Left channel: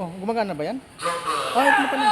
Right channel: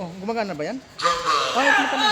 Oh, gumagana ba yan? Ah, ito na pala.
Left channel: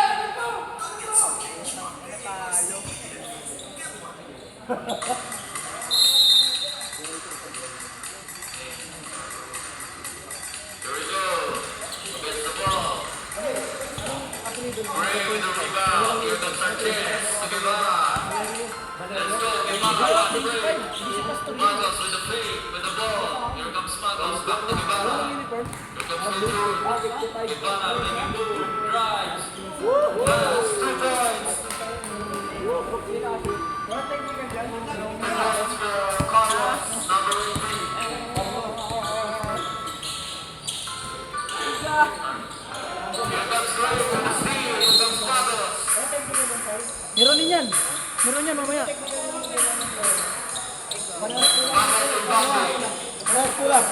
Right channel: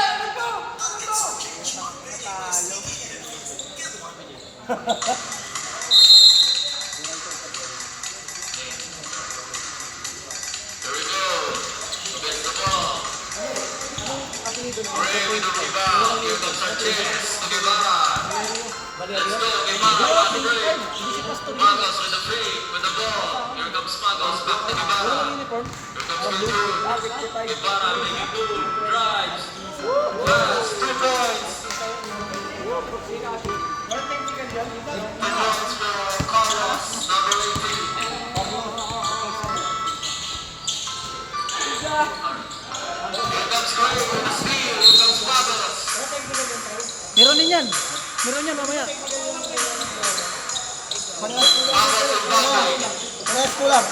Meron din yan. Meron yan mamaya. Manas pulang.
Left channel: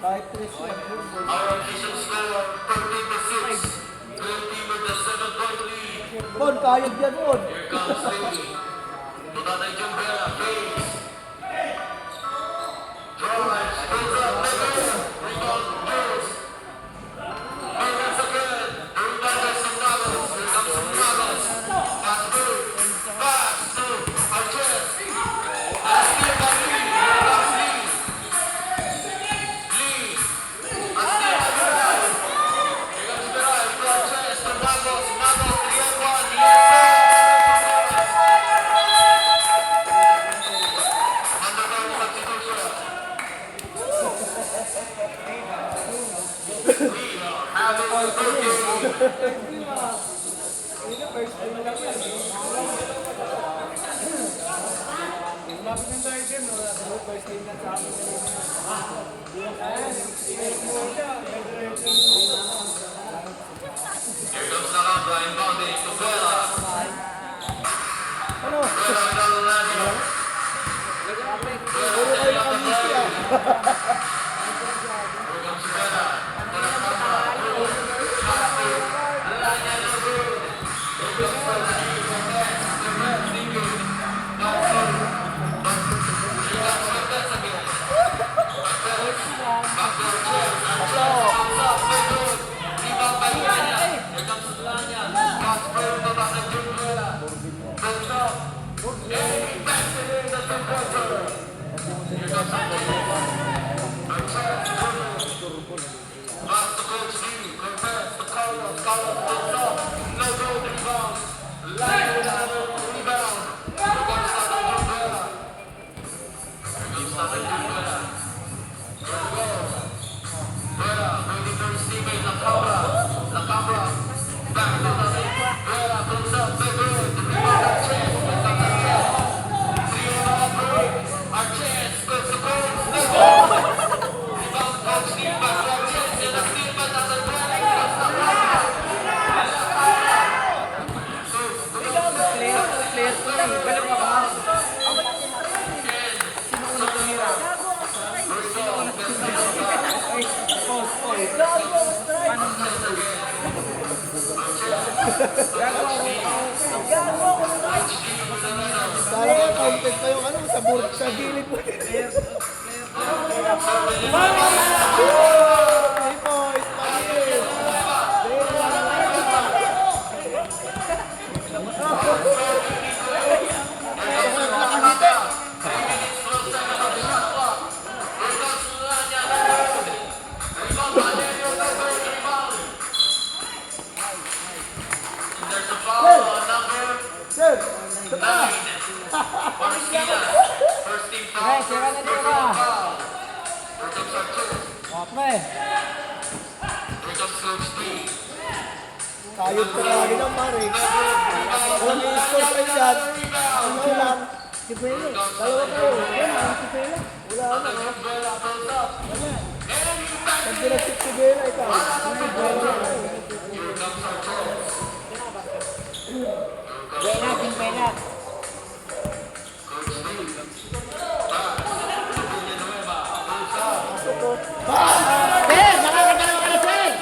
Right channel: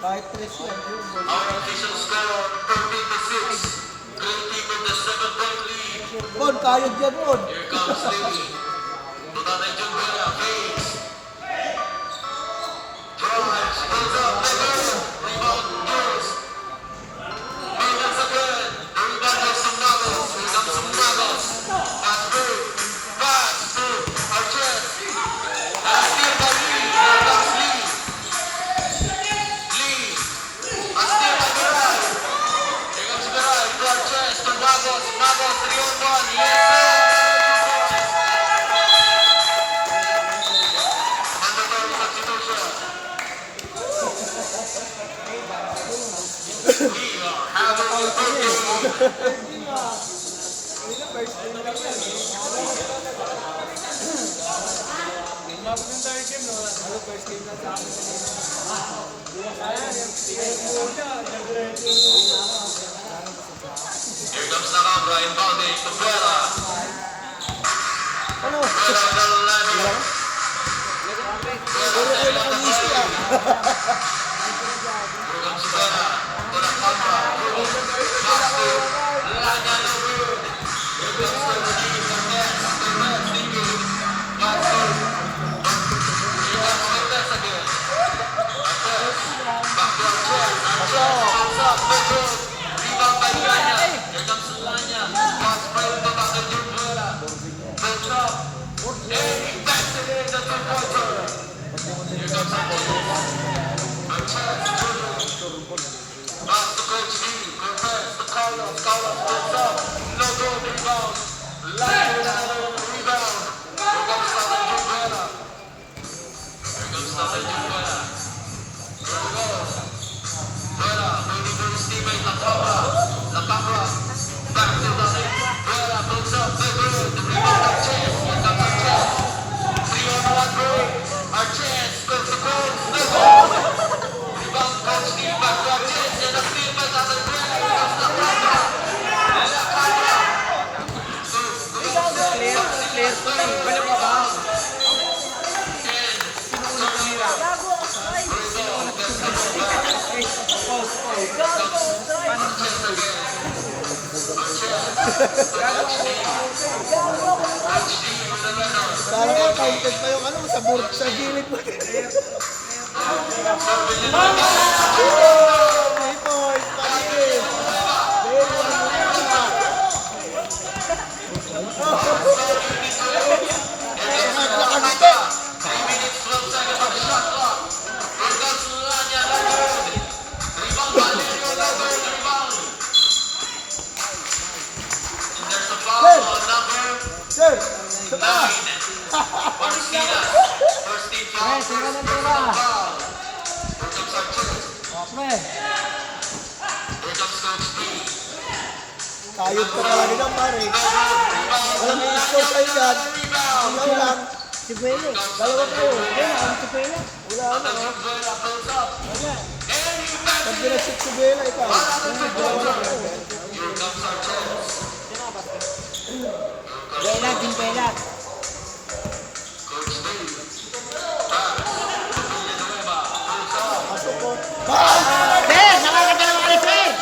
Kahit 3 yan. Bon, kayod yan, Bon. comes Nakambra inbounding to Vela. Ano? Vela, Vela, Puro kayo nakangisi ah. Here comes Vela. To Nakambra. Pass to Lanya, no good. Here comes Steve Cortez. Cortez, Stevie. Back to. Here comes Cortez again. Cortez. Back to Arches. Arches comes up. No good. Rebound by Lanya. Here comes Lanya. Pass spread to Nakambra. Vela. Goes up. Hey, that's it in the three-pointer. Here comes Arches. Pass to Coach D. Cortez to Carlos. Carlos goes up. No goal rebound. Lanya with another rebound. Here comes Nakambra. Here comes Nakambra. Vela waiting for his teammate Nakambra. Nakambra back to the Vela goes up. No good. Rebound Arches. Here comes Arches. 3-on-1 break. Arches goes to goal. No goal. Rebound Coach D. Back to Arches. And a steal by Nakambra. Here comes Nakambra. Clear ko lang. Balik ka ba? Kala ko counted pa yung ano sa gilid mo. 3 points pa gilid. Day 1. Sir! First team foul. Sira na tira. Here comes Arches. Okay. Here comes Coach D. Kayod ka talaga lang pare. Walang i-score kayo dyan. Ayaw lang. Si Buelo. Dalawa ko. Si Buelo. Wala na. Vela goes up. Pag ginasip si Buelo, ikaw. Dalawa na ako. Here comes Arches. Buelo, din Buelo. Coach D. Pasok ko. Ben! Nakakagalang ka na siya eh!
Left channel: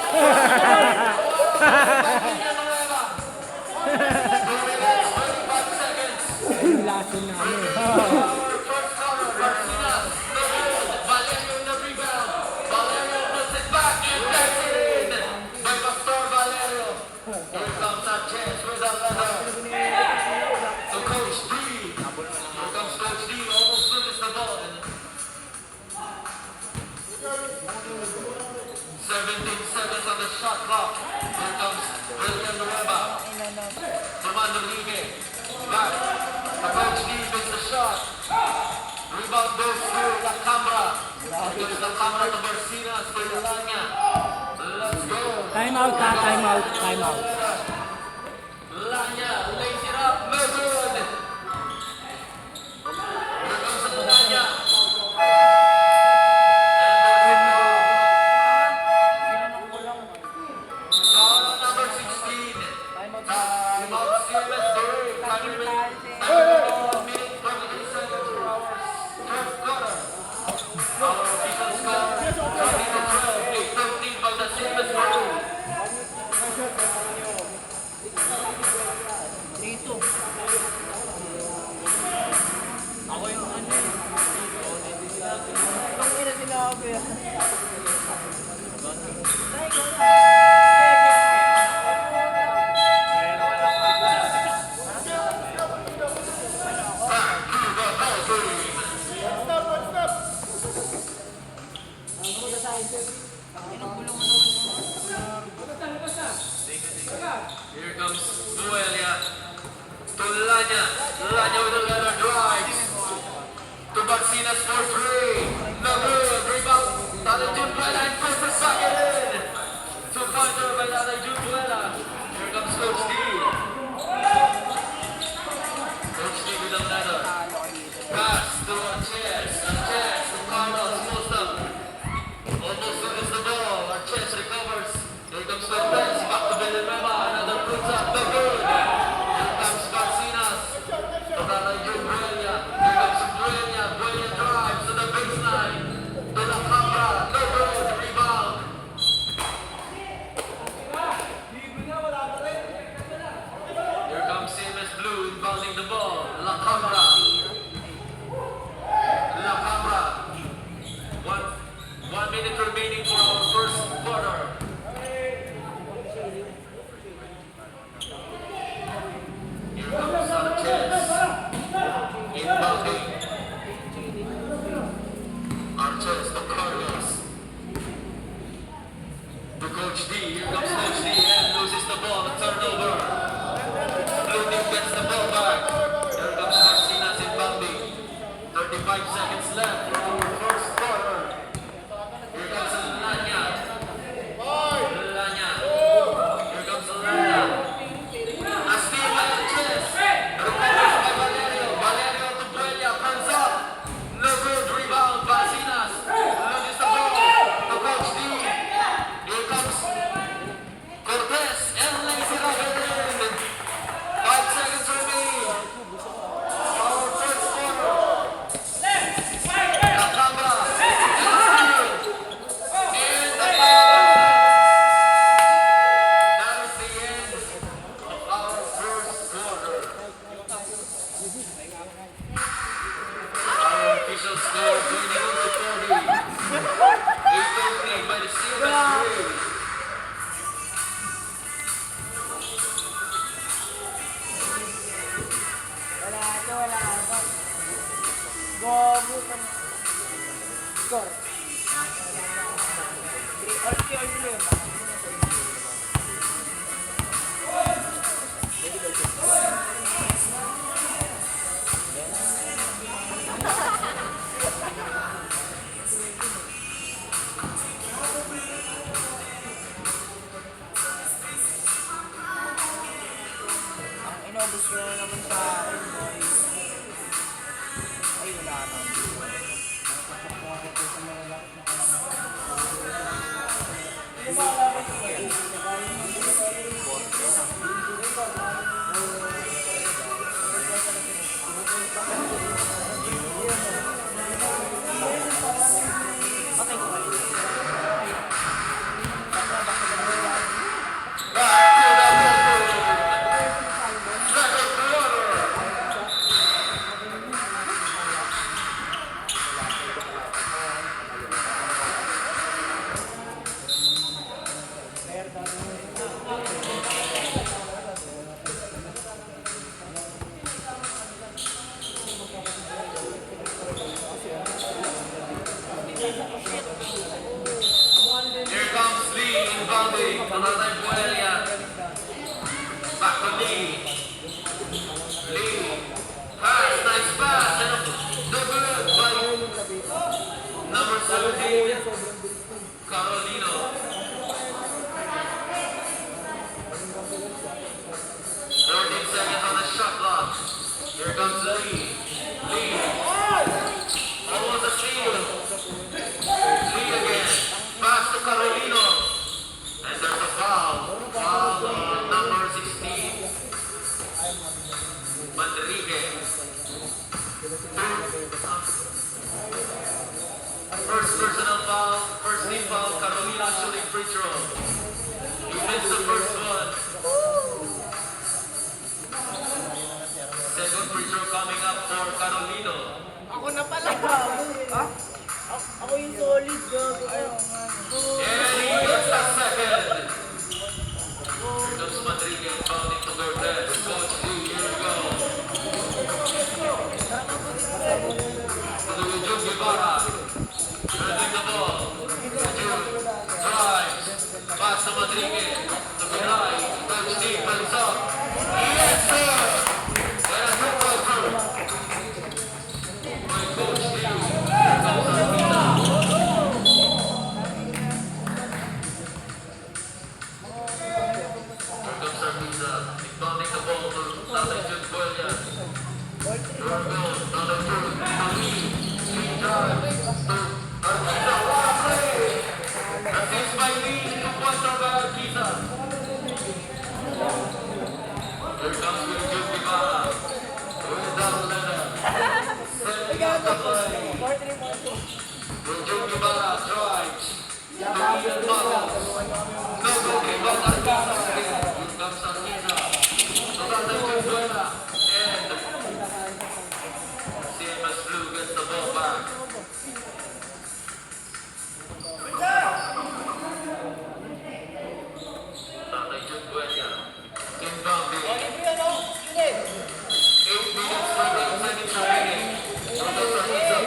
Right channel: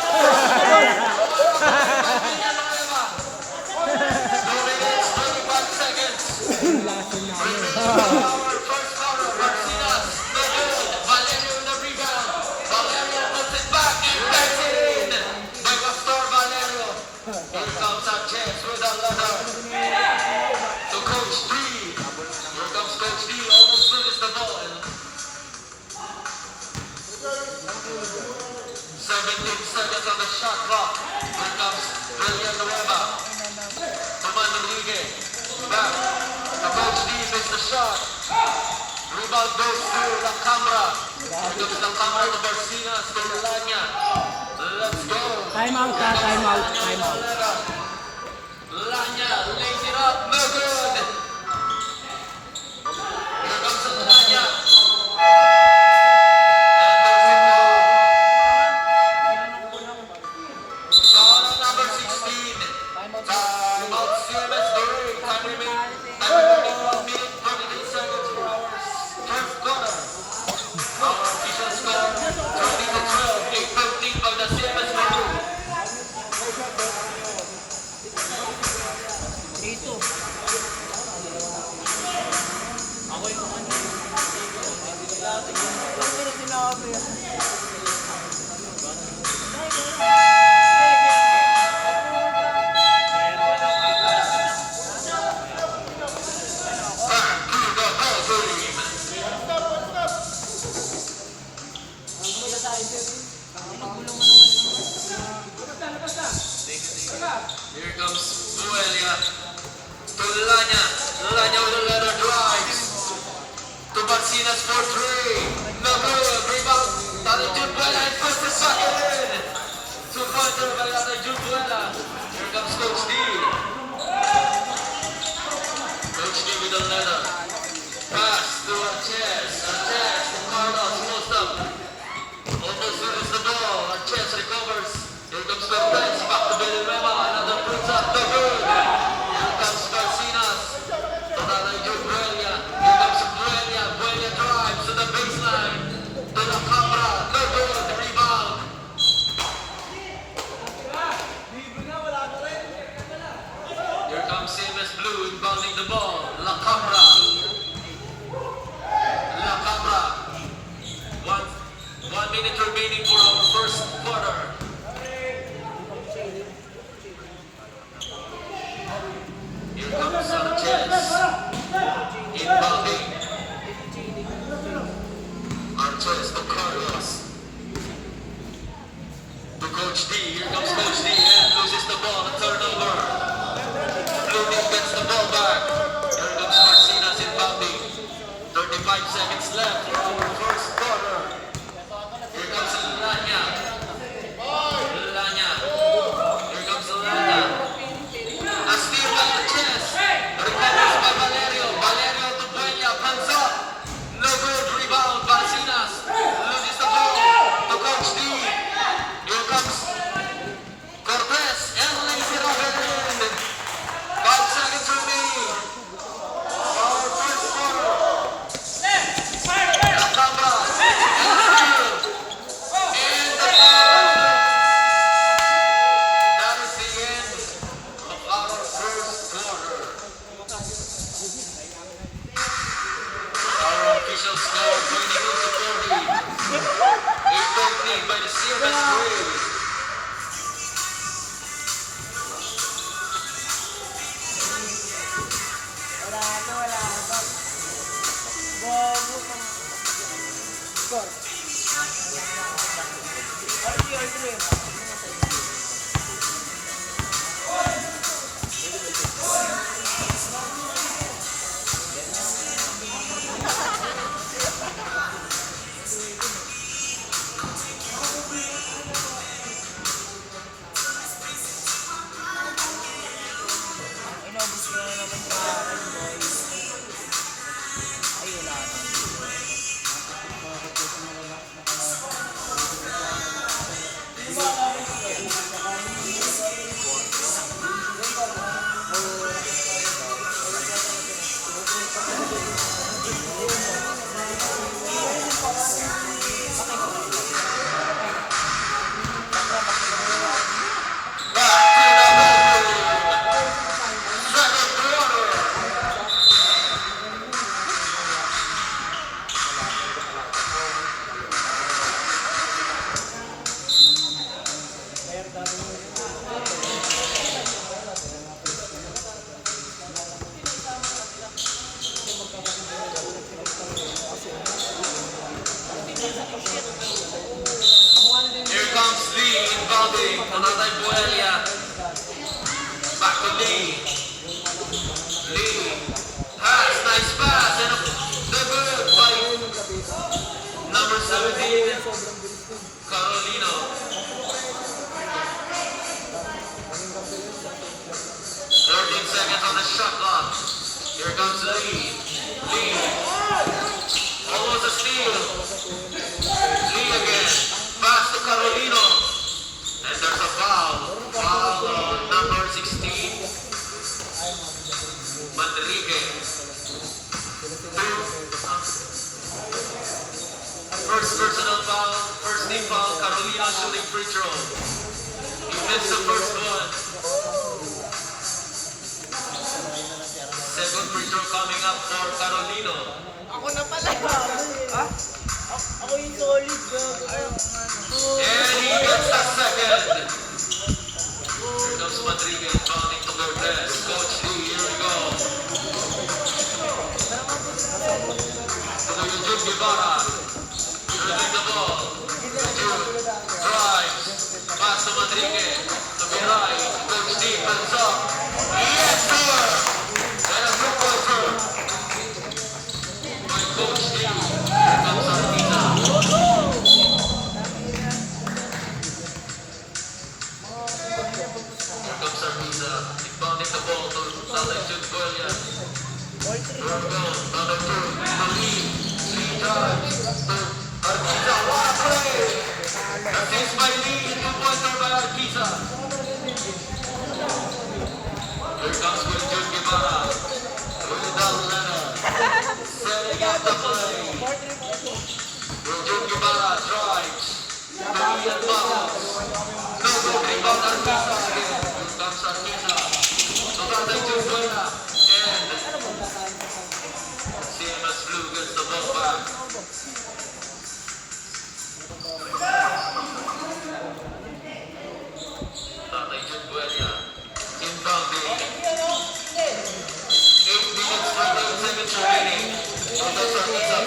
Lason namin. Valerio in the rebound. Valerio puts it back. He backs it in. By Pastor Valerio. Here comes Arches with a leather. To Coach D. Here comes Coach D. Almost finished the ball. 17 seconds on the shot clock. Here comes Villanueva. Toman Rodriguez. Back. The Coach D makes the shot. Rebound goes to Nakambra. Here comes Nakambra to Barcinas to Lanya. Let's go. Time out ka, time out, time out. Lanya lays it up. No good. Here comes Lanya. Foul on number 16. Time out CMS Derek. Time remaining. 22 seconds for our fourth quarter. Our official score 30-12. A 13 of the CMS Derek. Dito. Ako yung ano. Ang ina sinabi. Here comes Buelia. To Lanya. Lanya with a letter drives. To Barcinas for 3. No good. Rebound. Tatay Jubuela and puts the second in. To counter by Tatay Jubuela. Here comes Coach D. Coach D with a letter. Pass to Sanchez. Sanchez. Carlos closed up. Almost loses the ball. Sanchez recovers. Here comes Cortez. Back to Villanueva. Another puts up the good. Here comes Garcinas. Buelia. Here comes Buelia. Buelia drives to the baseline. To the Cabra. No good. Rebound. Here comes CMS Blue inbounding the ball. La Cabra. La Cabra. 1 minute remaining for our first quarter. Here comes Sanchez. Inbounding. Sanchez to Carlos. To Coach D. Here comes Coach D. And loses the ball. Turnover. Blooming gets the ball back. Here comes Marcinas inbounding. 35 seconds left. First quarter. Here comes Lanya. Lanya. Here comes Lanya. A steal by the chest. Recovers by Valerio. Valerio to Buelia. Hands up. No good. Rebound. Marcinas. Loses the ball. To Coach D. Here comes Cortez. And lays it up at the end. 5 seconds remaining. Our first quarter. La Cabra. That is the end of our first quarter. Our official score 22-40. 8-20 by the CMS Braves. Wala to. Gogo kang score. All ang inobos ko na naman sa akin, boys. Ay, wala nang. Here comes Lee inbounding. Another Buelia. Back to Lee. Lee. Pass. Nice pass. And the good by number 17. Carolino. 13 seconds on the shot clock. Here comes Lee. Lee. Almost a steal. Lee again. Pass to Carolino. And there's a foul. Foul on number 16. Manrique. First personal foul. First name foul. Carolino shooting free throw. He missed the first one. Second free throw coming up for Carolino. Ako na pala. Ha? Ako yung solid, gago. And he gets the second. Here comes Manrique inbounding to Cortez. Coach Lee, here we go. To the Eugene Guevara. Dribbling the ball. Eugene drives. Pass to Manrique. To Bilay. Coach Lee comes up. Yes, sir! And a two-pointer. By Coach Lee. Here comes Armina. Here comes Armina. Inbounding the ball to Juan Golia. Number 2. Arquiza, what a play! Assist by Lee, two-pointer by Arquiza. Here comes William Guevara. William Leonard. Setting up the play. William Guevara drives. Double fouls. No good rebound Arquiza again. Here comes Arquiza. Tocando Guevara. And CMS Blue gets the ball back. Tatay Guevara. Inbounding. 8 minutes, 5 seconds remaining. From the Arquiza.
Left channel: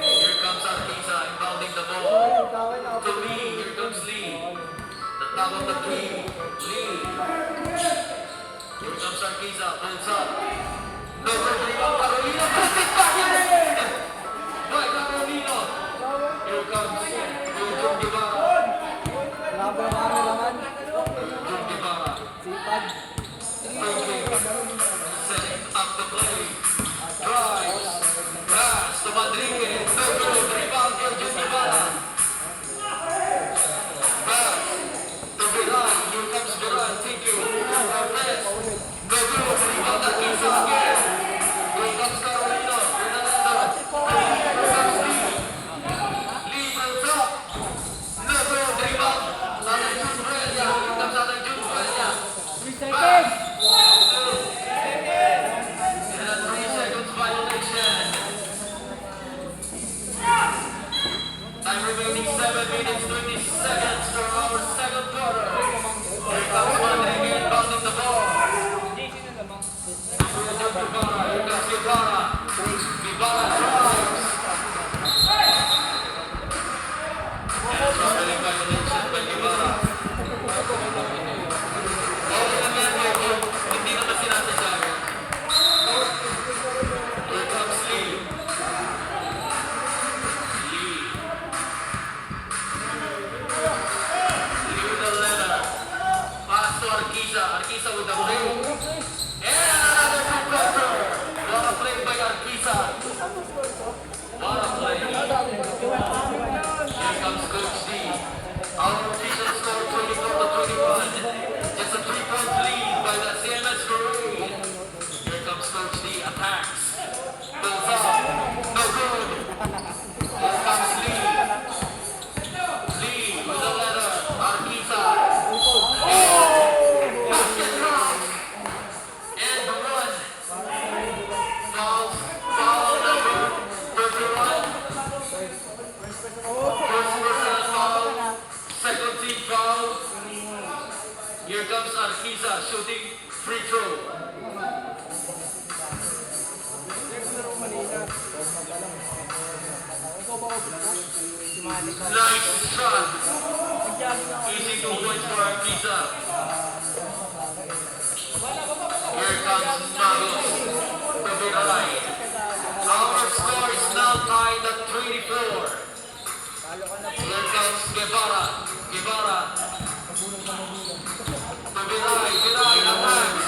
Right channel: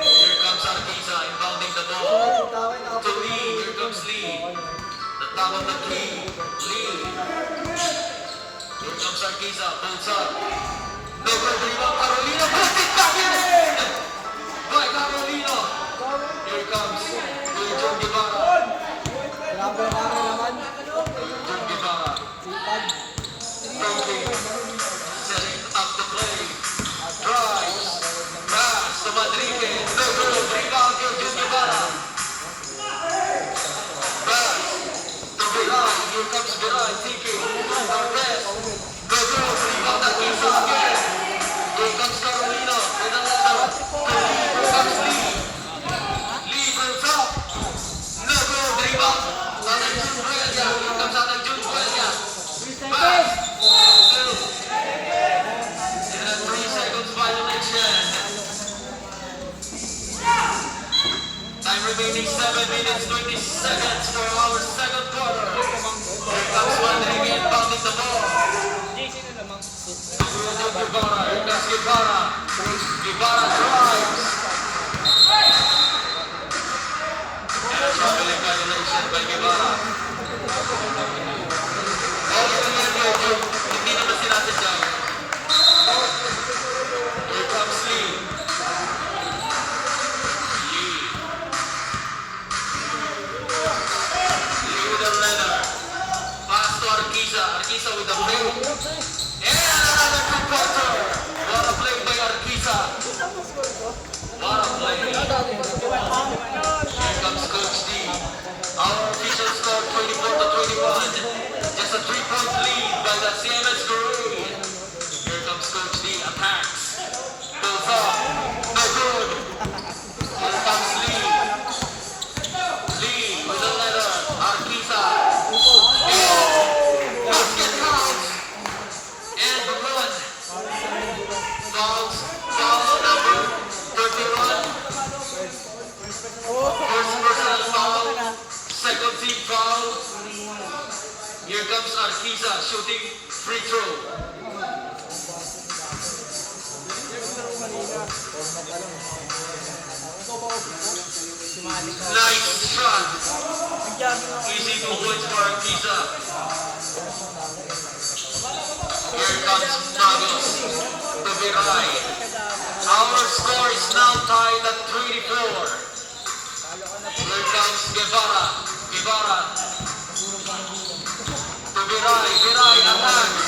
Here comes Arquiza, inbounding the ball. To Lee, here comes Lee. The top of the three, Lee. Here comes Arquiza, pulls up. No good rebound, Carolina puts it back in! By Carolina. Here comes William Guevara. Grabe ang ano naman. William Guevara. Sipag. Setting up the play. Drives. Pass to Madrigal. No good rebound, William Guevara. Pass to Viran. Here comes Viran taking Cortez. No good rebound, Arquiza again. Here comes Carolina. With another. Here comes Lee. Lee goes up. No good rebound. Atay Junuelia. Here comes Atay Junuelia. Pass. In a 3 seconds violation. Time remaining 7 minutes 20 seconds for our second quarter. Here comes Madrigal inbounding the ball. Guevara, here comes Guevara. Guevara drives. And a troubling violation by Guevara. All in the middle, hindi naman sinasadya. Here comes Lee. Lee. Lee with a leather. Pass to Arquiza. Arquiza with a play. And another two-pointer. What a play by Arquiza. What a play. Here comes Coach D. Our official score 24-21. Just a 3-point lead by the CMS crew. Here comes Coach D. Attacks. Goes up. No good. Here comes Lee. Lee with a leather. Arquiza. Basket count. And run. Fouls. Foul number 31. First personal foul. Second team foul. Here comes Arquiza shooting free throw. Nice shot. Easy 2 points for Arquiza. Here comes Nuggets to Viray. Our score is now tied at 24. Here comes Guevara. Guevara. To Viray. Viray attacks.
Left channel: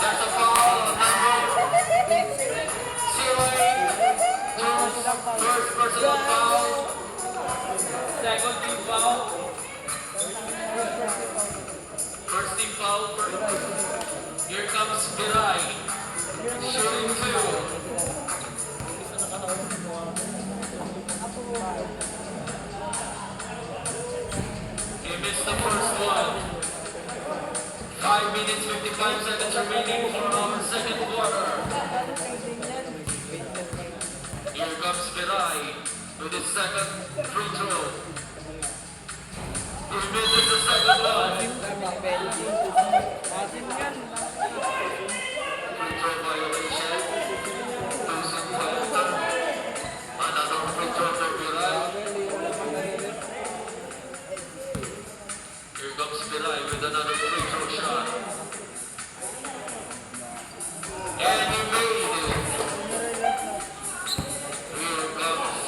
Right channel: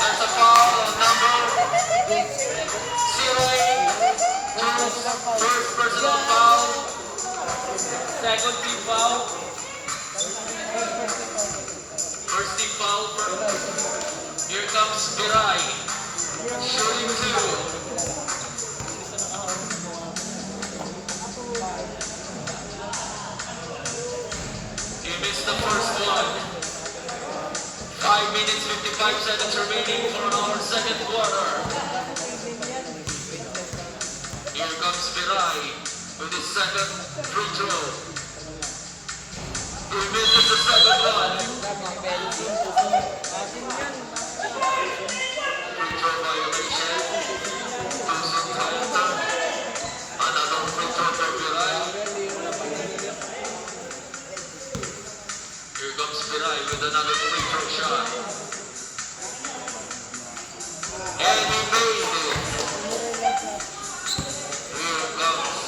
There's a foul on number 0. First personal foul. Second team foul. First team foul. Here comes Viray. Shooting 2. He missed the first one. 5 minutes 55 seconds remaining for our second quarter. Here comes Viray with his second free throw. He misses the second one. Free throw violation. Losing counter. Another free throw for Viray. Here comes Viray with another free throw shot. And he made it. Here comes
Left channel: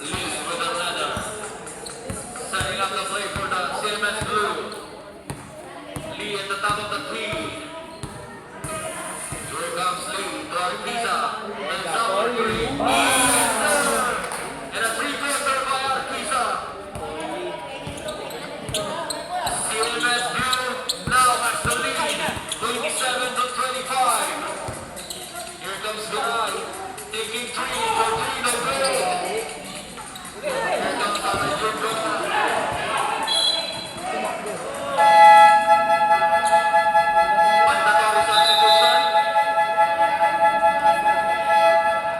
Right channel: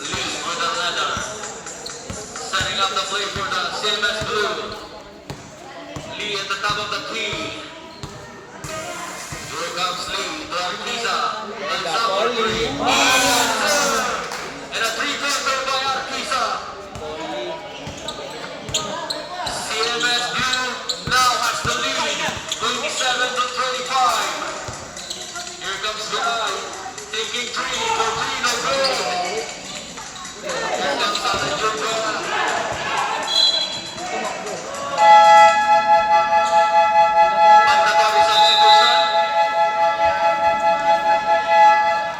Lee with a leather. Setting up the play for the CMS Blue. Lee at the top of the key. Here comes Lee to Arquiza. Hands up for Lee. And a three-pointer by Arquiza. CMSU now has the lead, 27-25. Here comes Vidal, taking three for three, no good. Here comes Alejandro Guerra. Mandatory substitution.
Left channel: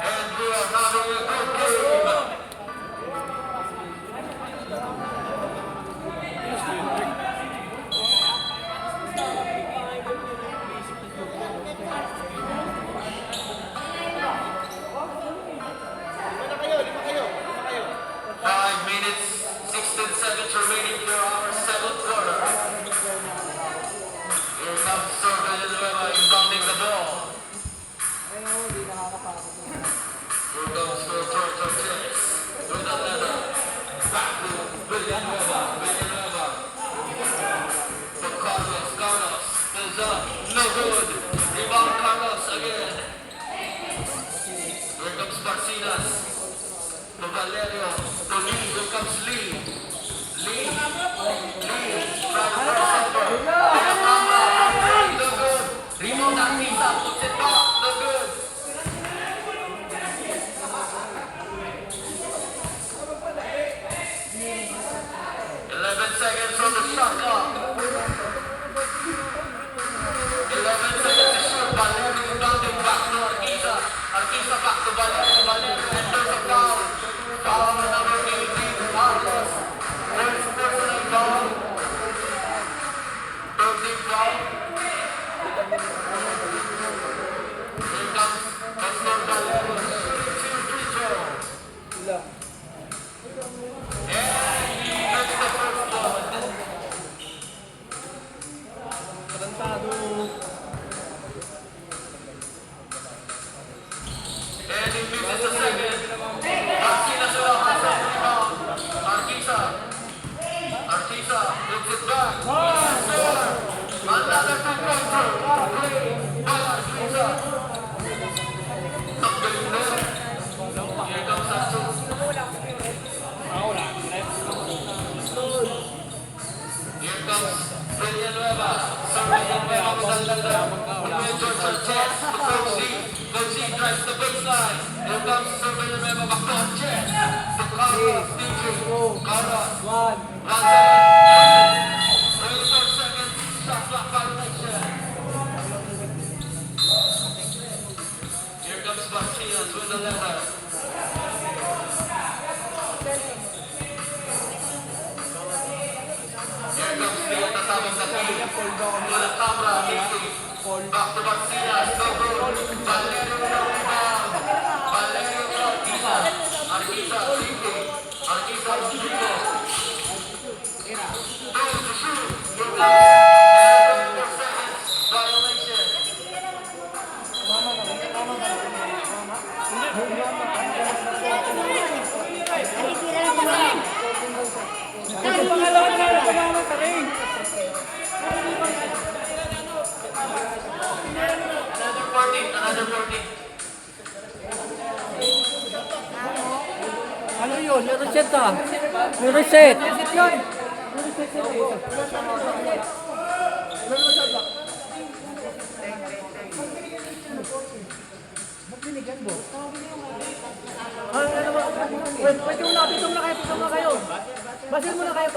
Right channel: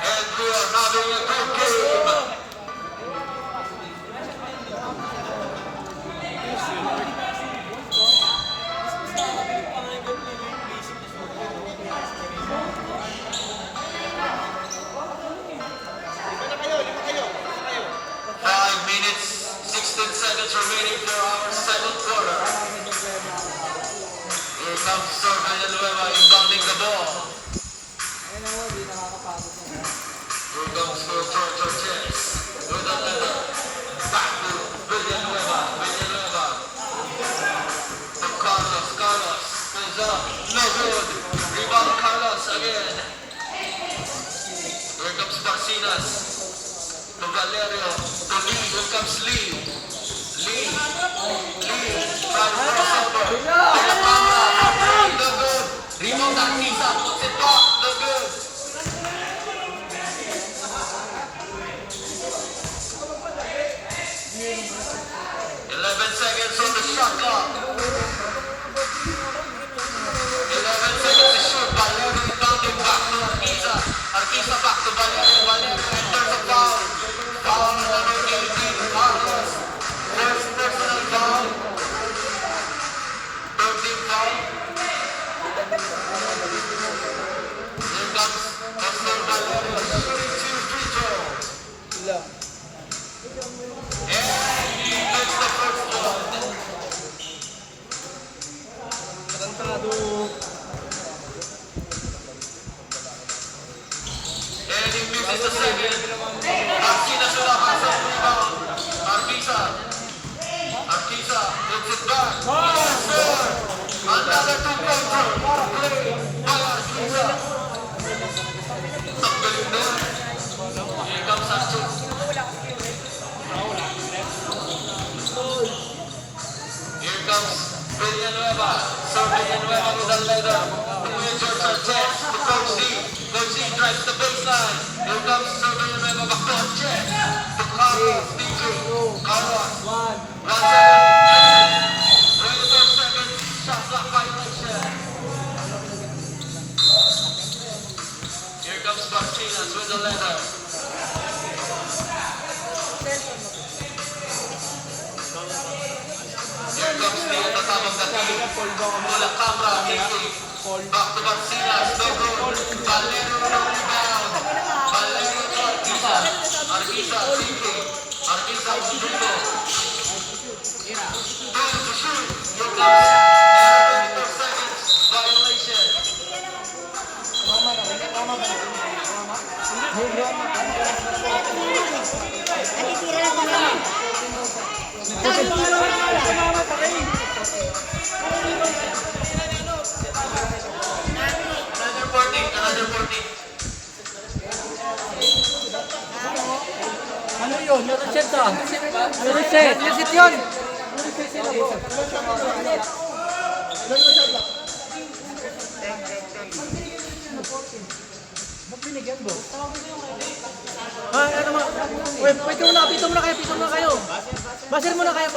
And we are having a good game. Five minutes, 16 seconds remaining for our second quarter. Here comes Sorbe Villanueva inbounding the ball. Here comes George Ortiz with a letter. Back to Villanueva. To Carlos. Is up. No good. Rebound Carlos again. Here comes Garcinas. To Valerio. To Lee. Here comes Lee. No good. Rebound Arquiza. Puts it back. No good. 11 seconds on the shot clock. 11 seconds to shoot. Valerio rebounding back to Arquiza. Arquiza back to Valerio. Valerio enters a foul. Foul number 18. Carlos. First personal foul. 13 foul. Here comes Nestor Valerio shooting two free throws. And he makes the first one. Tarantado. And he misses the second. Garcinas with a hustle rebound. Arquiza puts it back. Yes, sir. Another two-pointer. Play by Arquiza. Ang galing na. Here comes Arquiza. Here comes Villanueva. Sir Villanueva with a letter. George Ortiz to Coach Lee. Coach Lee drives the baseline. Here comes Sir Villanueva back to Ortiz. To Carlos. DJ. Carlos. 1 second. 24 seconds. Shot clock violation. Here comes Garcinas with the letter. Here comes Lee at the top of the key. To the camera, Ricky. Back to Garcinas. No good. Valerio with a rebound. Valerio to Arquiza. Arquiza, Ricky. Arquiza with Rico. Goes to shoot. Here comes 24 seconds. Violation. Another 40. Ano yun? Na-reset ah. Na-reset. Na-reset yun. Na-reset sila po. Na-reset ba? Ba't binigyan mo? Ano mo? Wait muna kayo. Basir muna kayo.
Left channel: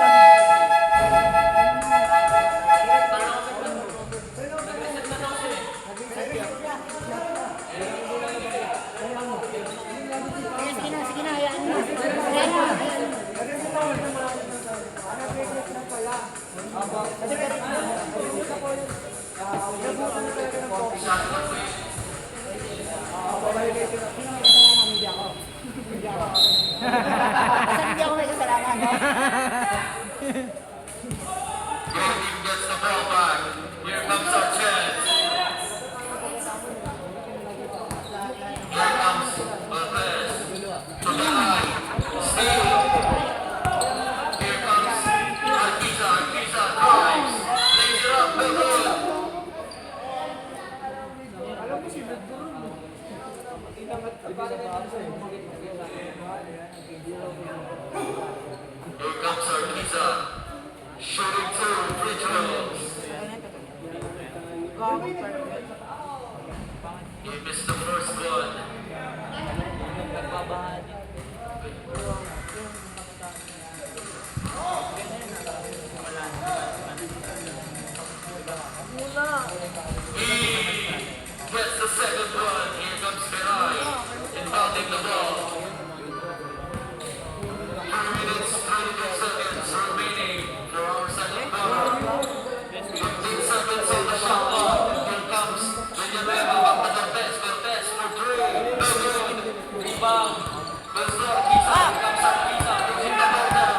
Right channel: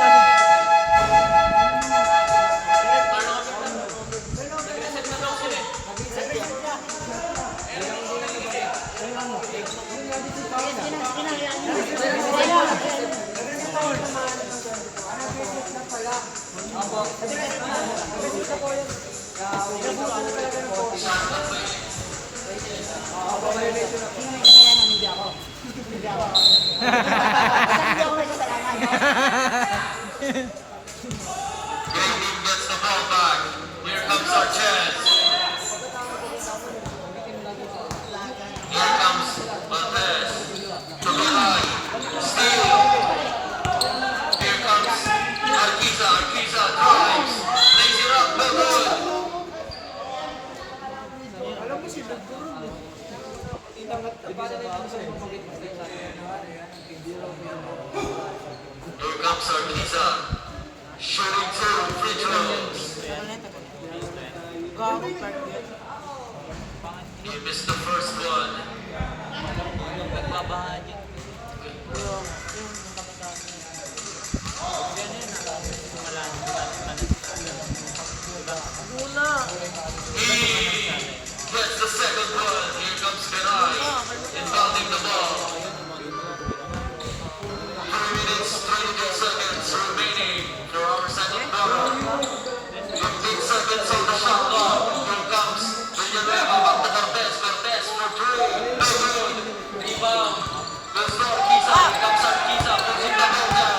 Gets the ball back. Here comes our chance. Here comes Lopez. From behind. Steal. Here comes Arquiza. Arquiza drives. Lays it up. No good. Here comes Arquiza. Shooting 2 free throws. He missed the first one. He gets the second one. Here comes Ferai inbounding the ball. 3 minutes, 32 seconds remaining for our second quarter. 15 seconds on the shot clock. Here comes Villanueva with the best for three. No good. Rebound. Goes to Arquiza. Here comes Arquiza. Pushing the ball down.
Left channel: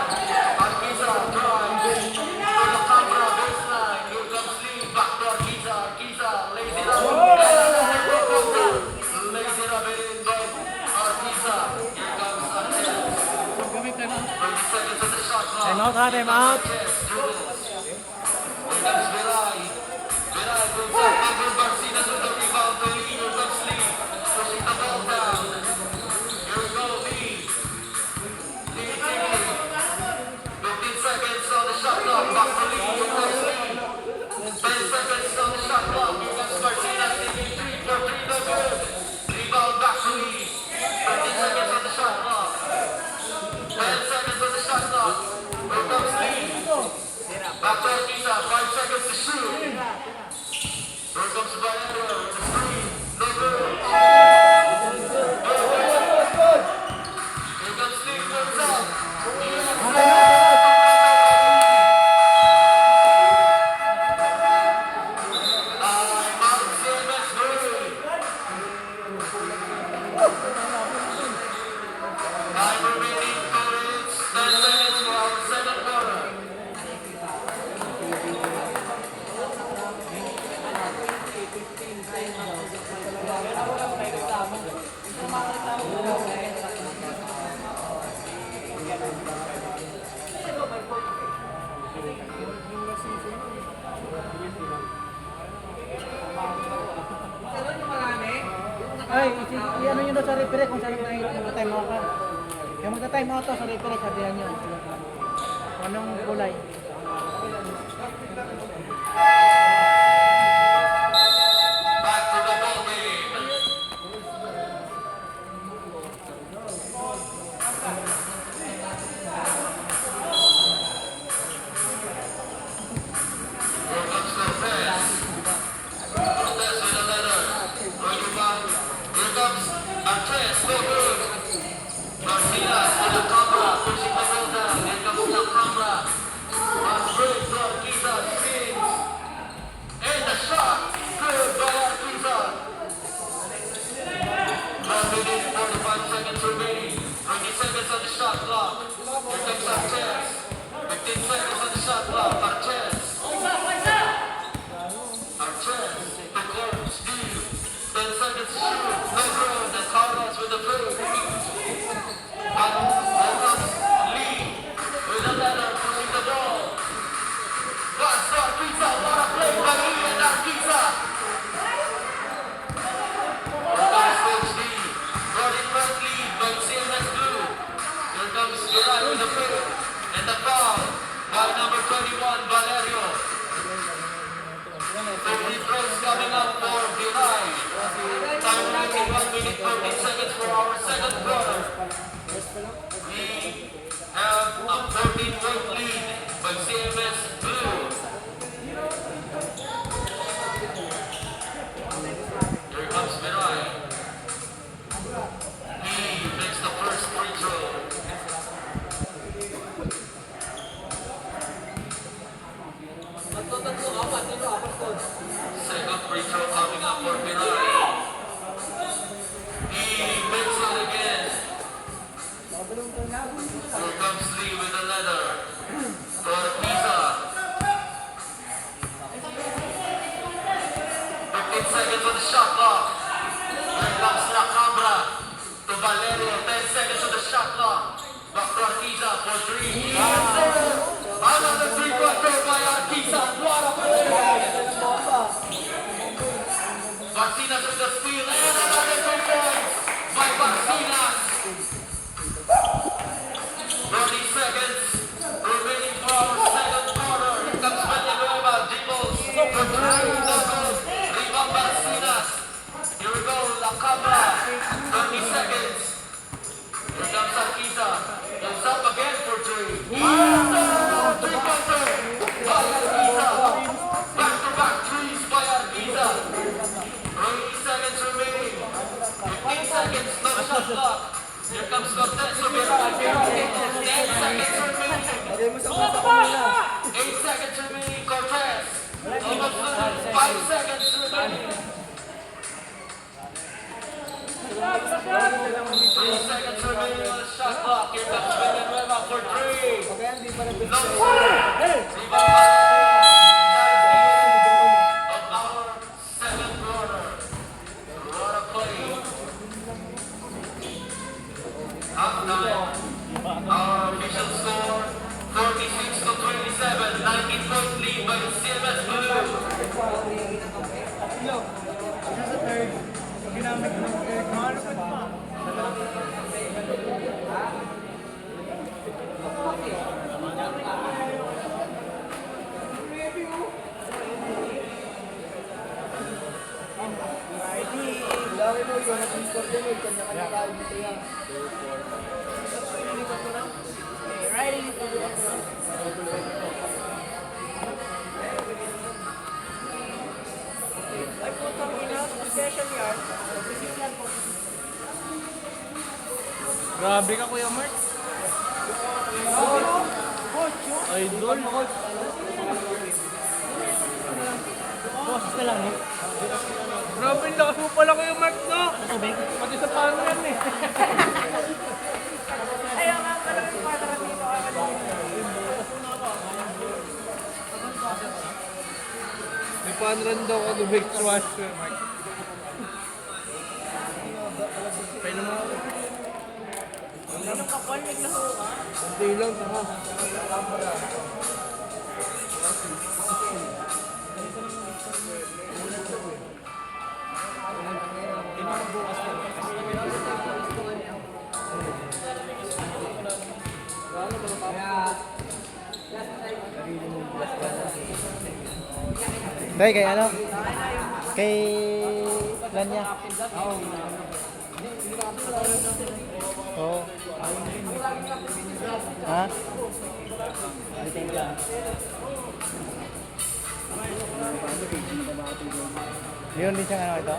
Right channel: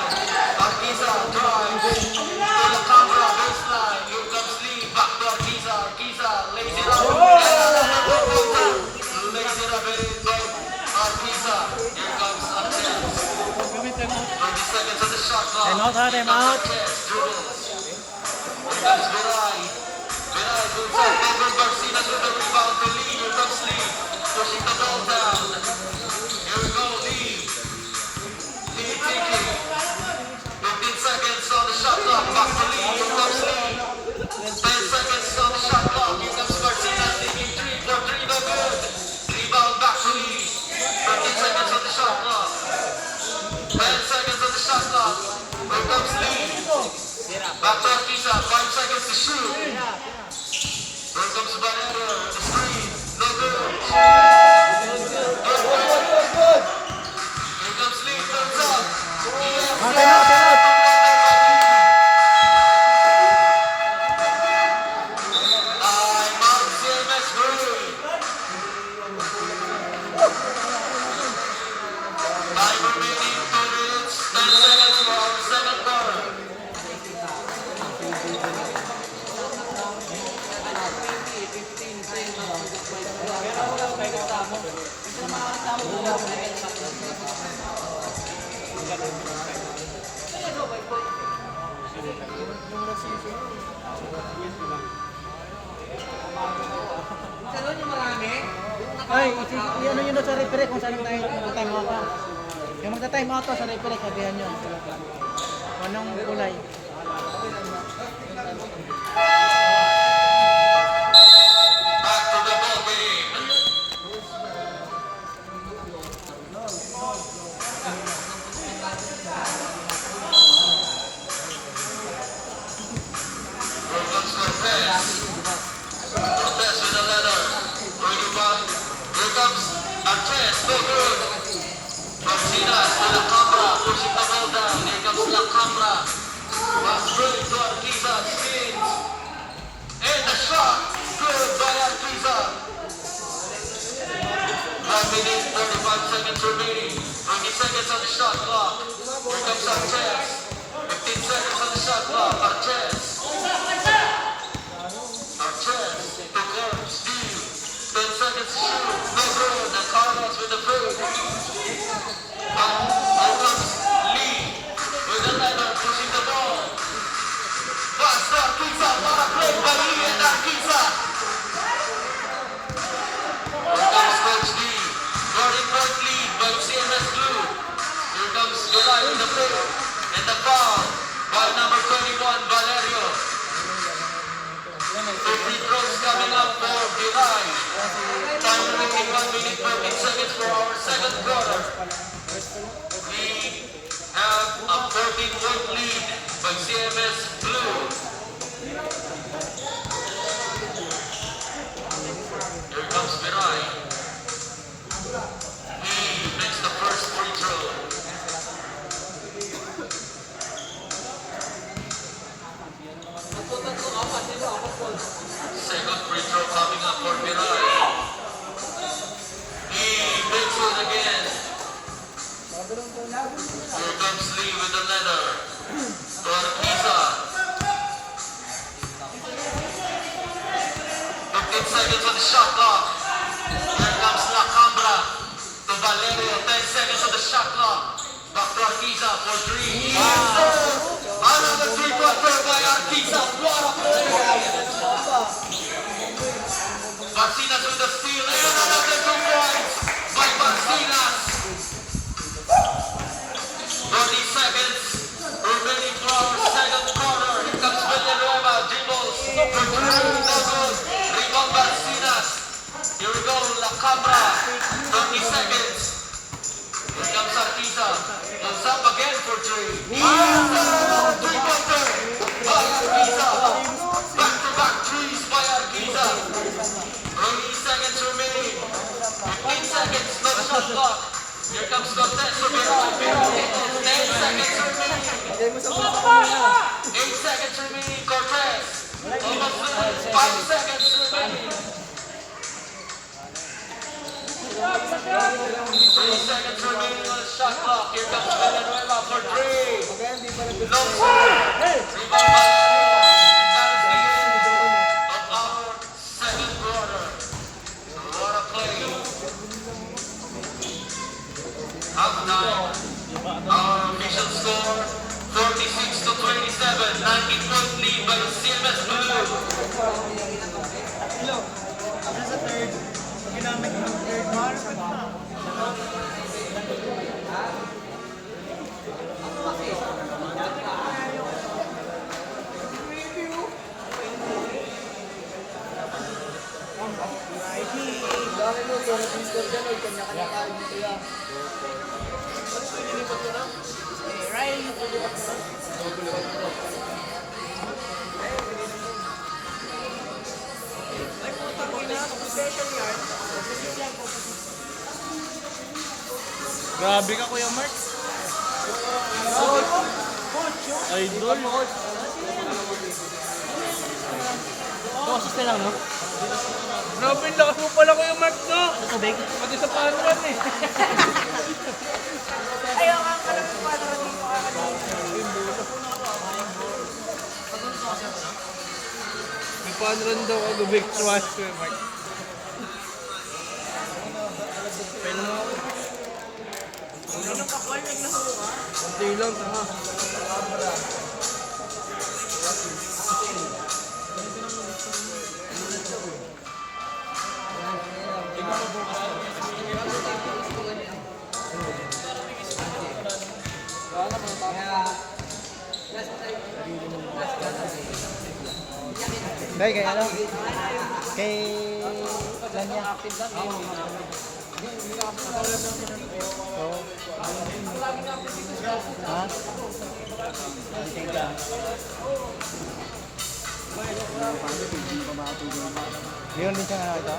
Arquiza drives to the camera baseline. Here comes Lee. Back to Arquiza. Arquiza lays it up. Lays it up in but Arquiza. Here comes Sanchez. 30 seconds on the shot clock. Time out ha, time out. Comes Virai. Virai moves up over Garcinas with the rebound to Lee. Here comes Lee. Pushing the ball down. Here we go, Lee. Lee taking. 15 seconds on the shot clock. Back to Lee. Here comes Lee. 10 seconds on the shot clock. Here comes Garcinas taking 3 for 3. No good. Rebound back to Lee. 13 seconds on the shot clock. 10 seconds on the shot clock. Here comes Lee. Back to Arquiza, 5 seconds to shoot. Here comes Valero with the screen. No good. Here comes Lee, thumbs up. Time out, time out. I'm out, CMS hurry. Time remaining 2 minutes, 10 seconds for our second quarter. Ay, i-ano nyo doon sa referee kung saan mag-time out ka. Yung magta-time out to sa referee, sabihan nyo. Kung anong kulay. Back to the ball game. Here comes Lopez. Lopez with a letter. Here comes Andres. No good. Martinez to the camera. Pushing the ball down. Here comes La Camera. Pass through to Arquiza. Spins. And the shot. Good by Arquiza. 5 minutes, 35 seconds remaining. 20 seconds on the shot clock. Here comes Sanchez. 15 seconds on the shot clock. Archez. Archez. The court. Steve. 10 seconds to shoot. No good. And Carlos with the food. Here comes Lee. With the letter. Pushing the ball. Pass to Arquiza. Para play by Lee and Arquiza. Here comes Coach D. Guarding right lead by CMS Blue. Here comes Virai with the pick. And the foul by number 21, Valerio. 2 free throws coming up for Virai. Time remaining 1 minute 14 seconds for our second quarter. We have a 14-point lead by CMS Blue. Here comes Virai. He makes the first free throw. Second free throw coming up for Virai. He makes it again. Here comes Lee with the leather. To Arquiza. 15 seconds on the shot clock. Here comes La Cambra to Valerio. 10 seconds on the shot clock. Back to Arquiza for 3. Another 3-pointer by Arquiza. Martinez with the steal and another 2 points by Rebound Basinas. Here we go, La Cámara. 20 seconds. Here comes Arquiza. Goes up again for three. Three-pointer by Arquiza. Back-to-back threes by Arquiza. 20 seconds remaining. 15 seconds, no shot clock. Here comes Cortez again. 10 seconds remaining. Lagay mo sa bulsa ko muna. 8 seconds remaining, Cortez. Almost done. 5 seconds remaining. 3 seconds remaining on the shot clock. Here comes Villanueva for three. Pagka hindi pa nag-gusto. No score. Hey! Of our second quarter. What a play. Halftime. Our official score 46-27. 90-point lead by the CMS Blue. Nasa third. Ginamit ko ng third. Malapit na. Laki mo yun, nag-score ka na, kanya-kanya kain dito yan. Ay, putang ina. Special yard. Grabe ka, Kuya Mark. Idol. Grabe, ang lakas mo pala, Kuya Mark, no? Pati sa panran eh. Ayaw nga ka lang yung padra dito. May panran daw ako, big swash, Kuya Mark. Pwede mo ako. Anong kakwal naglaho ka? Kunti lang, taha. Dahil kay ano? Kay Lanya. Oo. Ha? Leon din siyang ano ito?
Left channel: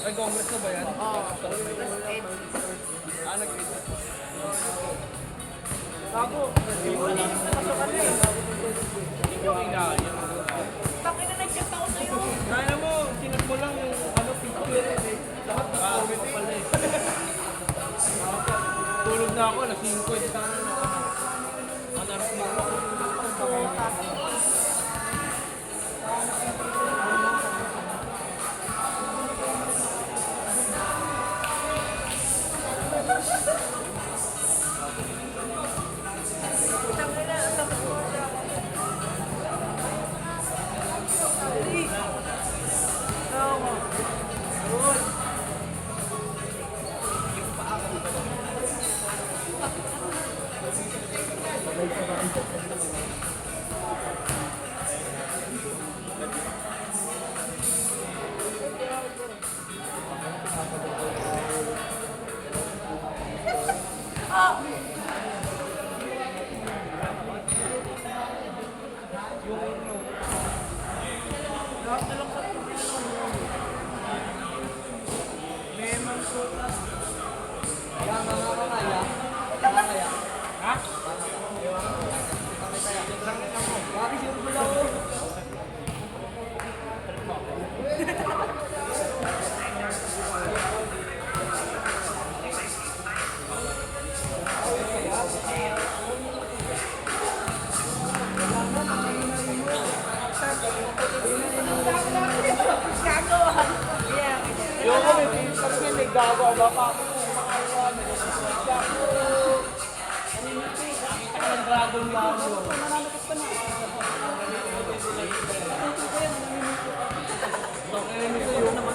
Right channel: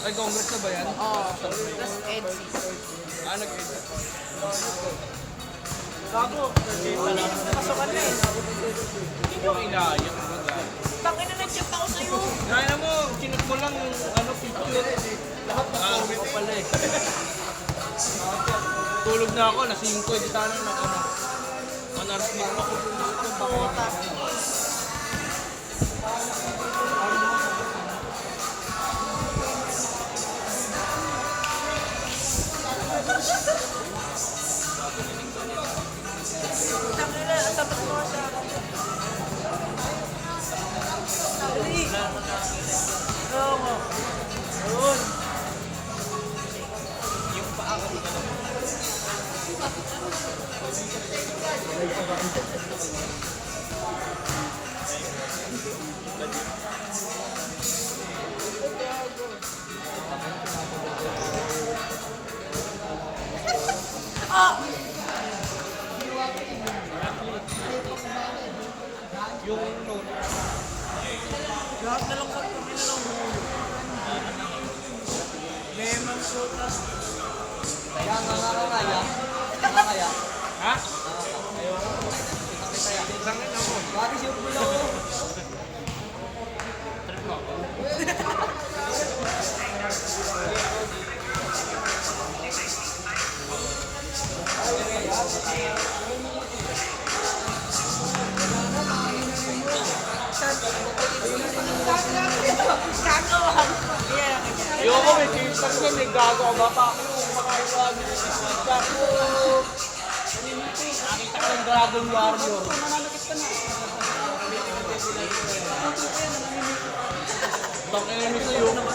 Ay, Congress na ba yan? Oo. Plus Ed. Ah, nag-edit. Takin na nag-chat ako sa'yo. Kaya mo, chinat mo lang yung ano, picture. Nakakawit pala eh. Tulog na ako, na 5. Di sana na ano. Manarasnik ako. Yung ako may case lang yan, gago ako baka ako nakita ko yung Dragon Warrior. Bakit yung sa'yo?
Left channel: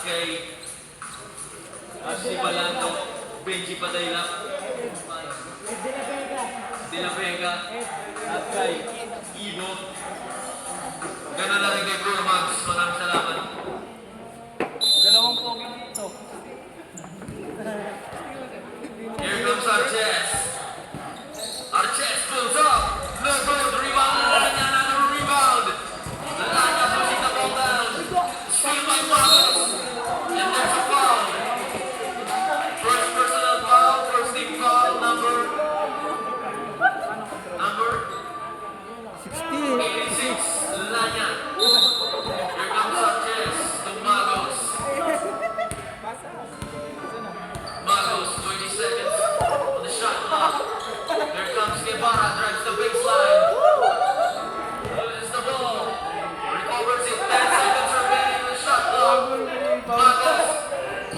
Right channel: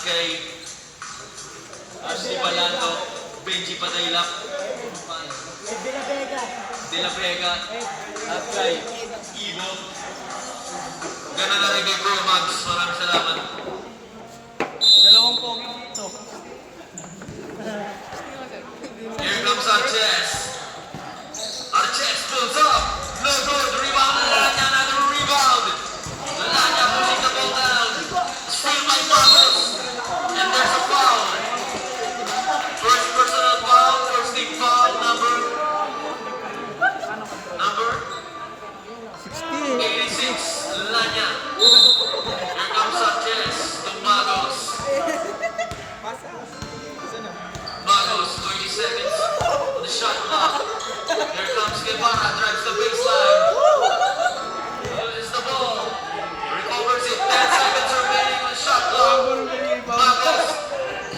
kay Ashley Palano, Benji Padaylak, De La Vega, at kay Ivo. Ganun lang kay Kuya Max. Maraming salamat. Dalawang pogi ito. Here comes Arches. Arches pulls up. No good. Rebound. Alanya, another rebound. Alanya pushing the ball down. Steal by Marcos. And there's a foul. First personal foul. First team foul. Number 86. Alanya. Here comes Arches. To Magos. Magos, 20 seconds on the shot clock. Here comes Guevara, drives the baseline. Loses the ball. Recovers it. 10 seconds remaining on the shot clock. Magos,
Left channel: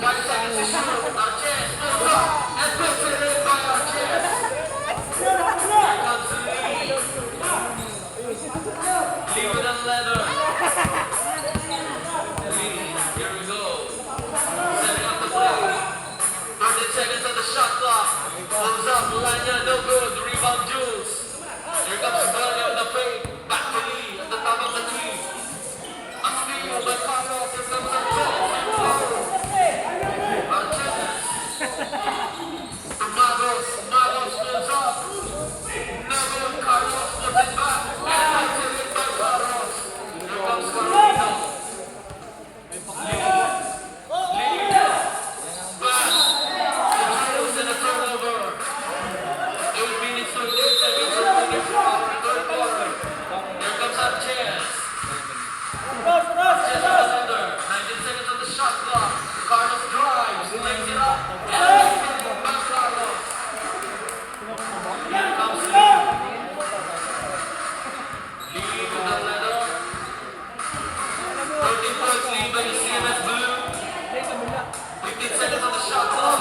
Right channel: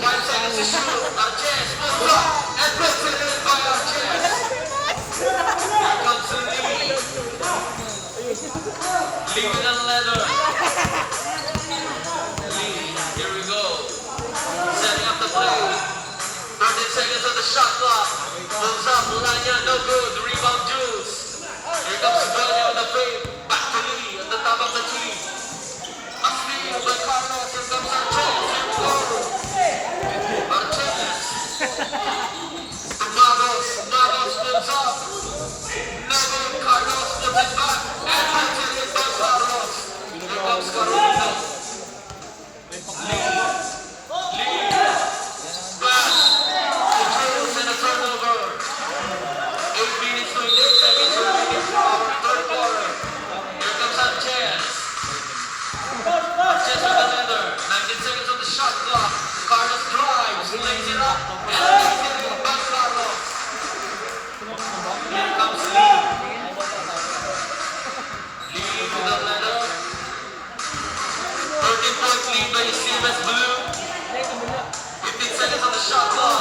5 seconds to shoot. Arches pulls up and puts it in by Arches. Here comes Lee. Lee with a leather. Lee, here we go. Setting up the play. 30 seconds on the shot clock. Pulls up, Lanya, no good. Rebound, Jules. Here comes Belly with the fade. Back to Lee at the top of the team. A steal by Carlos. Here comes Arches. Arches. To Magos. Magos pulls up. No good. Carlos puts it back. And puts it in by Carlos. Here comes Carolino. Lee. Pass. And a turnover. 8 minutes to 8 seconds remaining for our third quarter. Here comes Sanchez. Sanchez with another. 19 seconds on the shot clock. Carlos drives, lays it up, and lays it in by Carlos. Here comes Lee. Lee with the leather. 13 points lead by the CMS Blue. 15 seconds on the shot clock.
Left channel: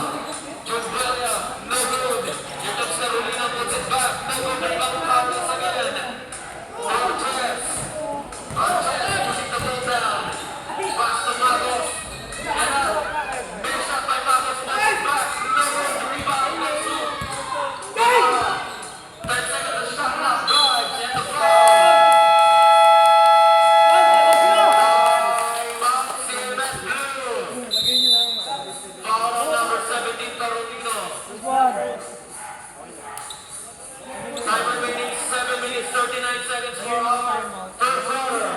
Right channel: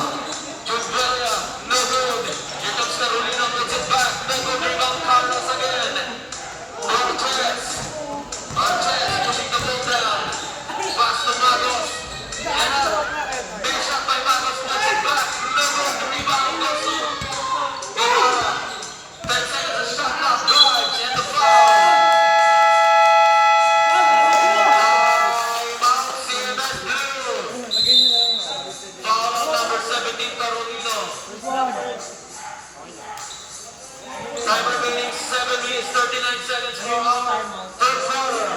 Jubelia, no good. Here comes Carolina, puts it back. No good. Rebound Carlos again. Arches. Arches pushing the ball down. Pass to Magos. And big shot by Magos, puts it back. No good. Rebound also. Guevara. 10 seconds on the shot clock. Drives and the foul. CMS Blue. Foul on number 17, Carolino. Time remaining 7 minutes, 39 seconds for our third quarter.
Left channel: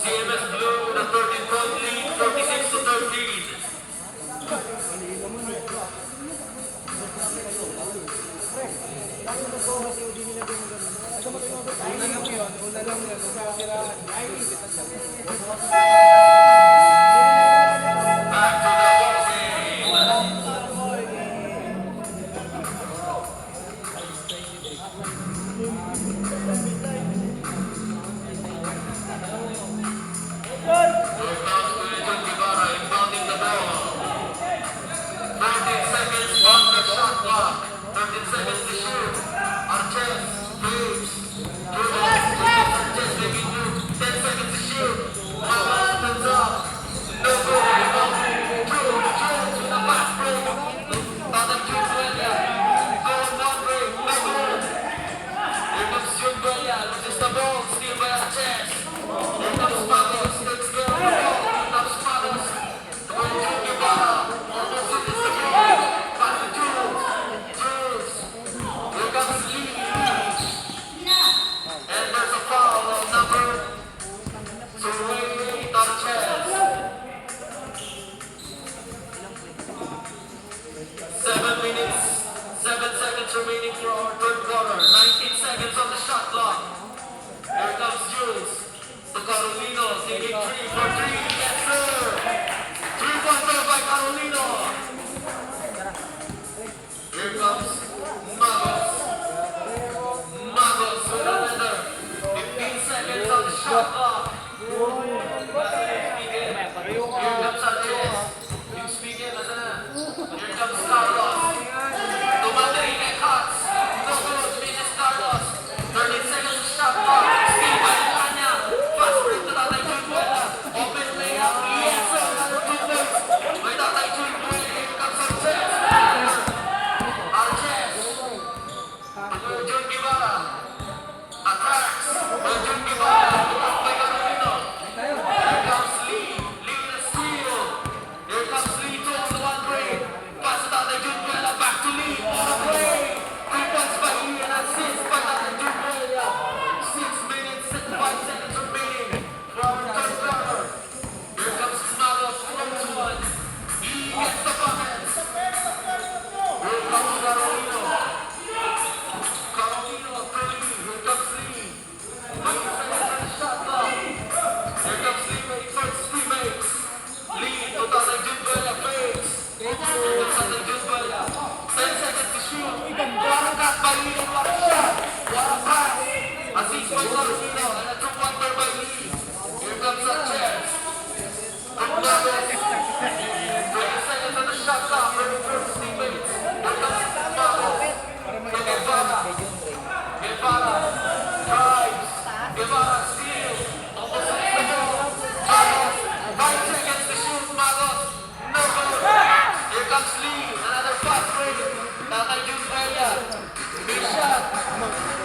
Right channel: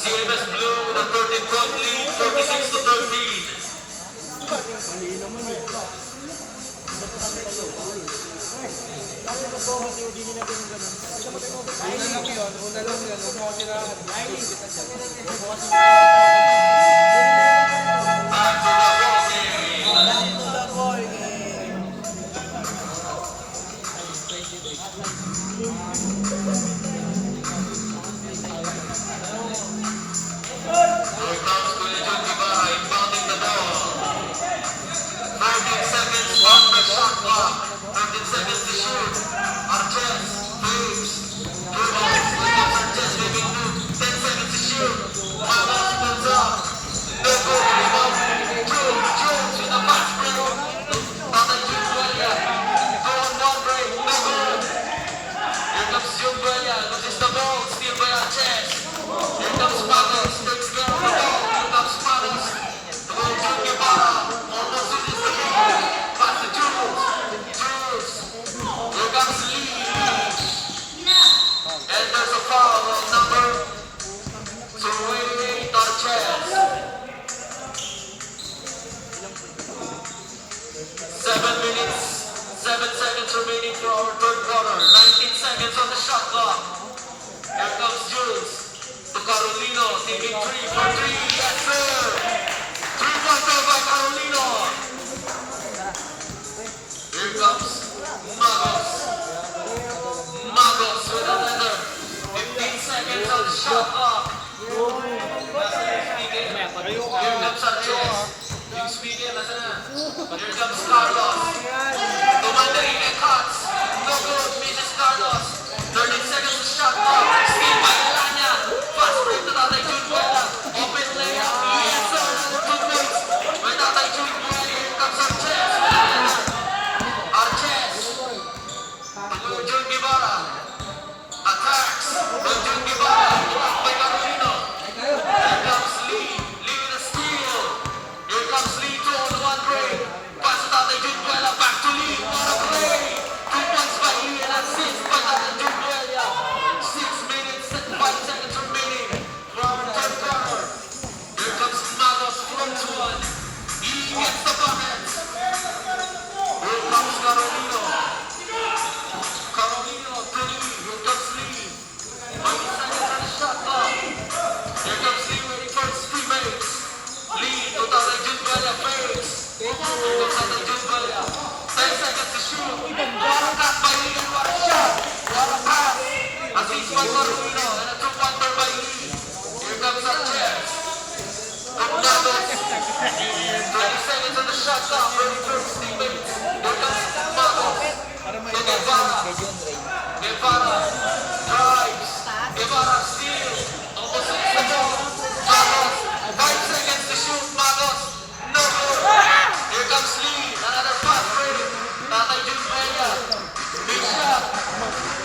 CMS Blue with a 13-point lead, 46 to 13. Back to the ball game. Here comes Kulijan Guevara inbounding the ball. 19 seconds on the shot clock. 13 seconds to shoot. Arches, Briggs, dribbles. Williams Arches making move. 10 seconds to shoot. Magos pulls up. No good. Rebound. Jones with a fast break. Father Jubelia. Go on one break. No good. Here comes Jubelia. Loses the ball. Steal by Arches. Here comes Magos. Takes the ball. Here comes Magos. Kulijan Guevara. Almost loses the ball. Pass to Jules. Jules. Here comes Lee. And there's a foul on number 28, Arches. 7 minutes, 7 seconds remaining for our third quarter. 19 seconds on the shot clock. Here comes Jules. To Carolino, taking 3 for 3. Yes, sir. 3-pointer by Carolino. Here comes Magos. Magos with a leather. 15 seconds on the shot clock. Here comes Arches. Yung speedy, nasa na? Here comes Carlos. Commander Ike cuts. No good. Finishes Carlos. 30 seconds shot clock. Steal by Virgil Guevara. Attacks. Virgil Guevara. Blocked by Ballerino. Here comes Lee. Lee with a steal. Here comes Lee to on one break. Pass it out to Jubuela. Back to Lee. On a break. Defense by Lee and assist by Jubuela. 6 minutes and 5 seconds remaining. Robert Carter. Here comes Magos front one. He gets the bucket. Here comes Carolino. Carolino to Lee. Here comes Lee. 8 seconds on the shot clock. Here comes Lee waiting for his teammates. Lee to Jubuela fakes. Here comes Jubuela. 10 seconds to shoot. Blocked by Lee and what a shot. What a pass. Assist by Carolino and a two-pointer by Lee. Here comes Sanchez. From Neves. 20 seconds on the shot clock. Waiting for his teammates. Here comes Magos. To Guevara. Guevara. Drives. Guevara steals. Opposites the ball. Carlos. 5 seconds to shoot. Magos. No good. Here comes Lee. Another fast break. Tatay Jubuela. Big shot.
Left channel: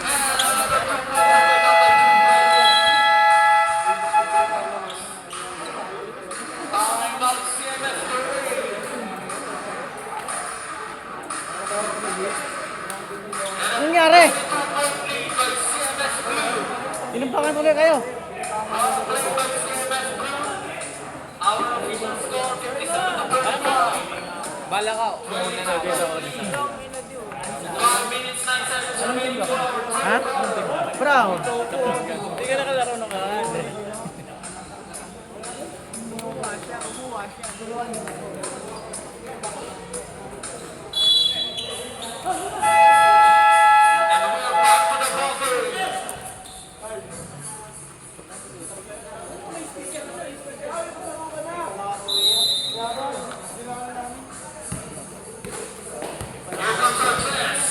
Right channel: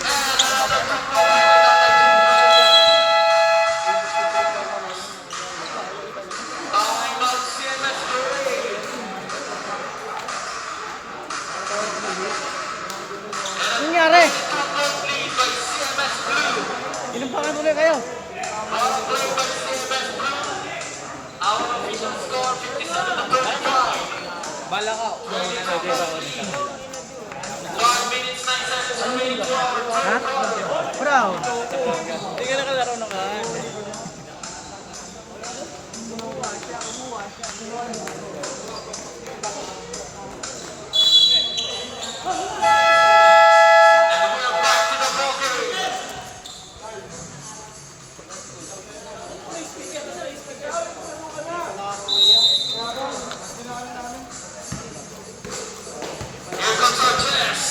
And another fast break. Time out CMS Parade. Anong nangyari? 2-point lead by CMS Blue. Ilang pa tuloy kayo? Power play by CMS Blue. Our official score 57-35. Bala ka. 5 minutes 9 seconds remaining to our third quarter. Brown. Hindi ka nakalaro na kaan. And we are back to the ball game. Here comes Arches.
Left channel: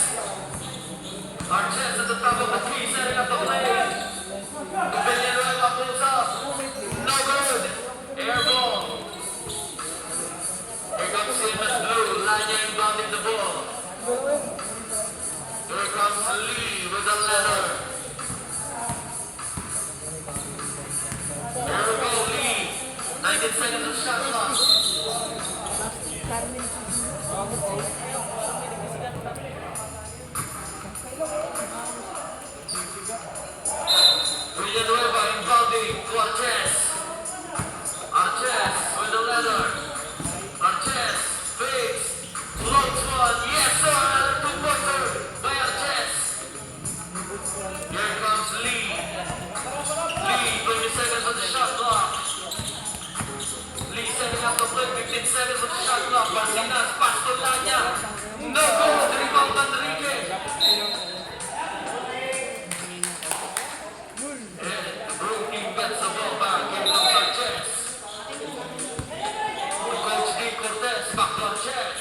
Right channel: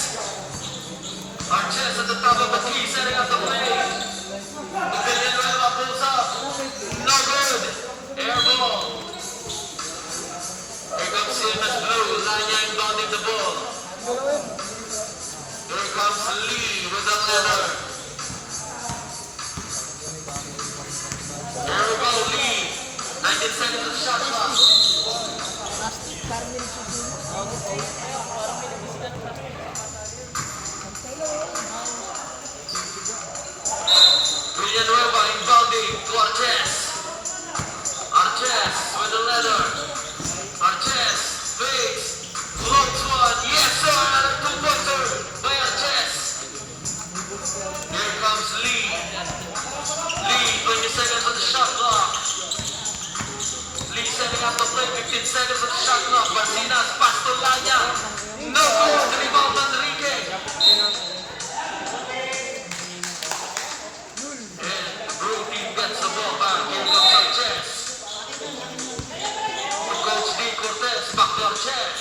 Arches at the top of the key, setting up the play. Villanueva pulls up. No good. Air ball. Here comes CMS Blue. Lanya inbounding the ball. Here comes Lee with the leather. Here we go, Lee. 19 seconds of shot clock. Villanueva inbounding to Arches. Arches with the leather. Arches fakes. Close one. Yes, sir. Another two-pointer by Arches. Here comes Lee. Lee, 20 seconds on the shot clock. Lee setting up the play. 15 seconds on the shot clock. Basinas, pass to Lanya. No good. Rebound Enrique. Blue team gets the ball back. Here comes Arches. Coach D. Cortez, back to Arches.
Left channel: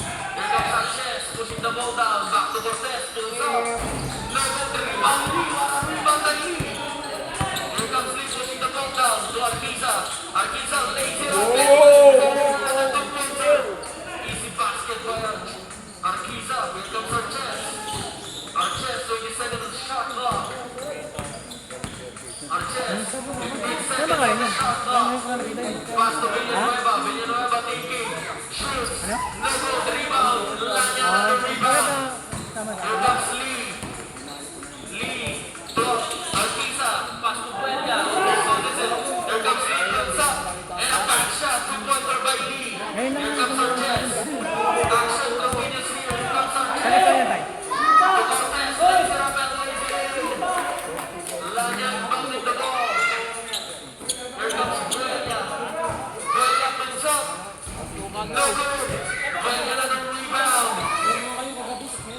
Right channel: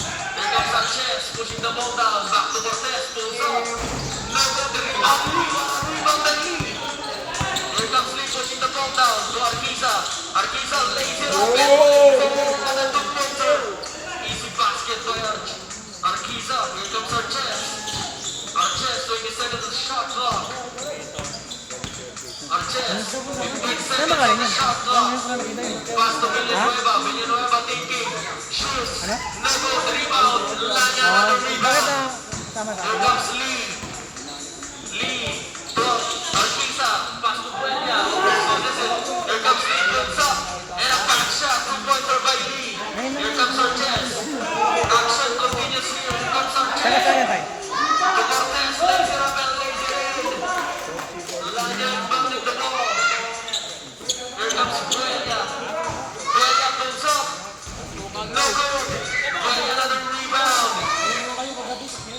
Here comes Arches, pushing the ball down. Back to Cortez, pulls up. No good. The rebound. Rebound by Lee. Here comes Lee, pushing the ball down to Arquiza. Arquiza lays it up. Another two-pointer. Easy basket by Arquiza. Here comes Arches. Arches, 30 seconds of shot clock. Arches, 15 seconds on the shot clock. Pass to Villanueva. Villanueva taking. Shoots. No good. Rebound. Lanya another rebound. Here comes Lee. Lee. To Arquiza. Pass to Puella. Here comes Lee. Puts up. And a back shot. Two-pointer by Lee. Here comes Arches. Action continues here. Here comes Arches. To Cortez. Lays it up and lays it in. Lanya inbounding the ball. Here comes Puella. Puella comes up. No good. Puella another rebound.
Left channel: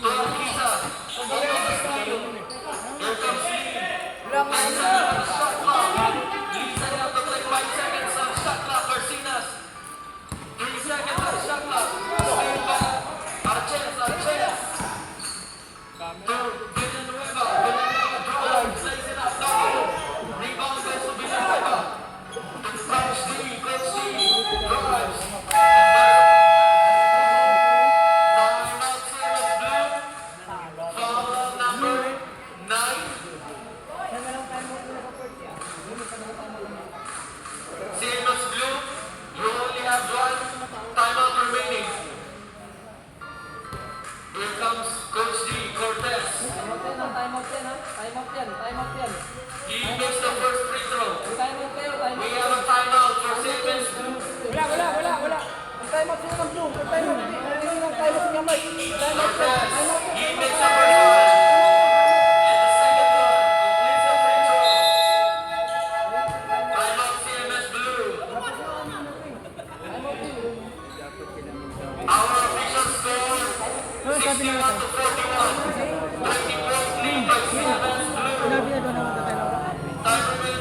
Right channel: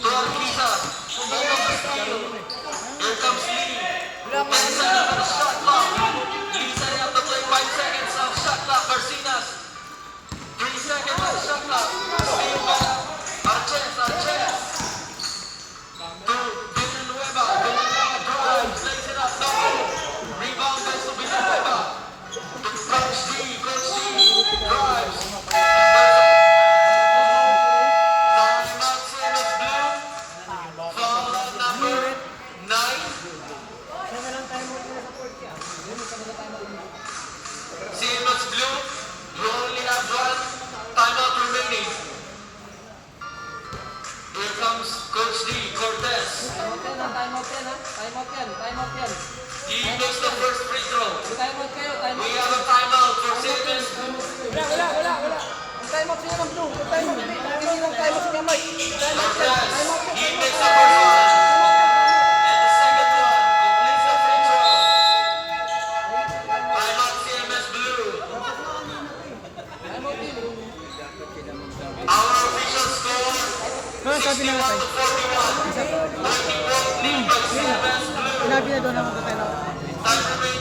To Arquiza. Almost a steal. Here comes Lee. 10 seconds on the shot clock. Lee setting up the play. 5 seconds on the shot clock. Barcinas. 3 seconds on the shot clock. Steal by Arches. Arches. To Villanueva. Villanueva drives. Lays it up. No good. Rebound goes to Villanueva. To Coach D. Coach D drives. Timeout CMS Blue. Foul on number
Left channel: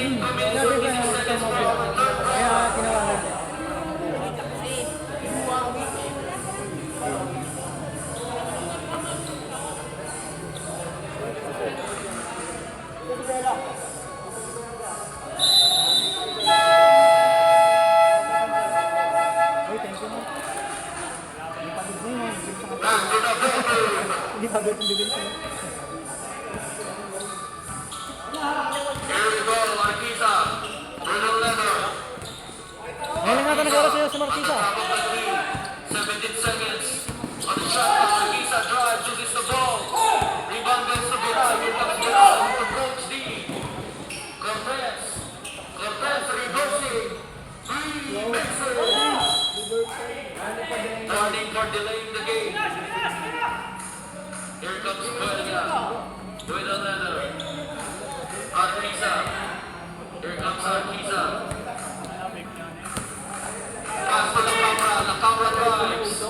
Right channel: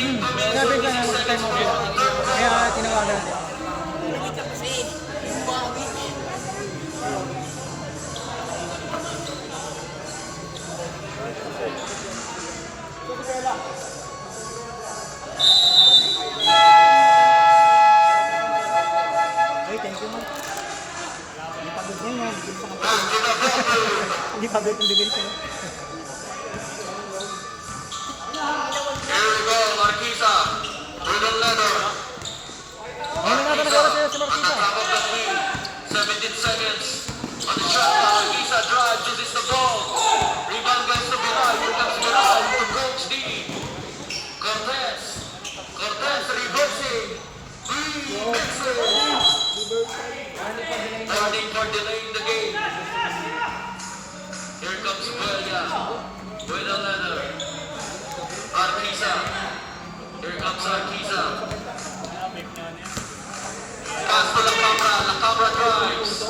Sabi ko na sa time mo. Kaya tinawagan natin. Hey, thank you mo. Hindi pagod mo. Hindi pagod yung bibili sa'yo. Here we go, Marquisa. Through the letter. Ngayon na natin nag-oras sa'yo sa Marquisa. Top of the three. 17 seconds. On the shot clock, Marquisa drives, loses the ball. Rebound goes to Bilal. Here comes Bilal to Coach D. Cortez. Cortez reversing. Three misses. Turning for delaying the game. Here comes Buella. Buella Leonard. Arquiza. Here comes Arquiza. Pass to the camera drives.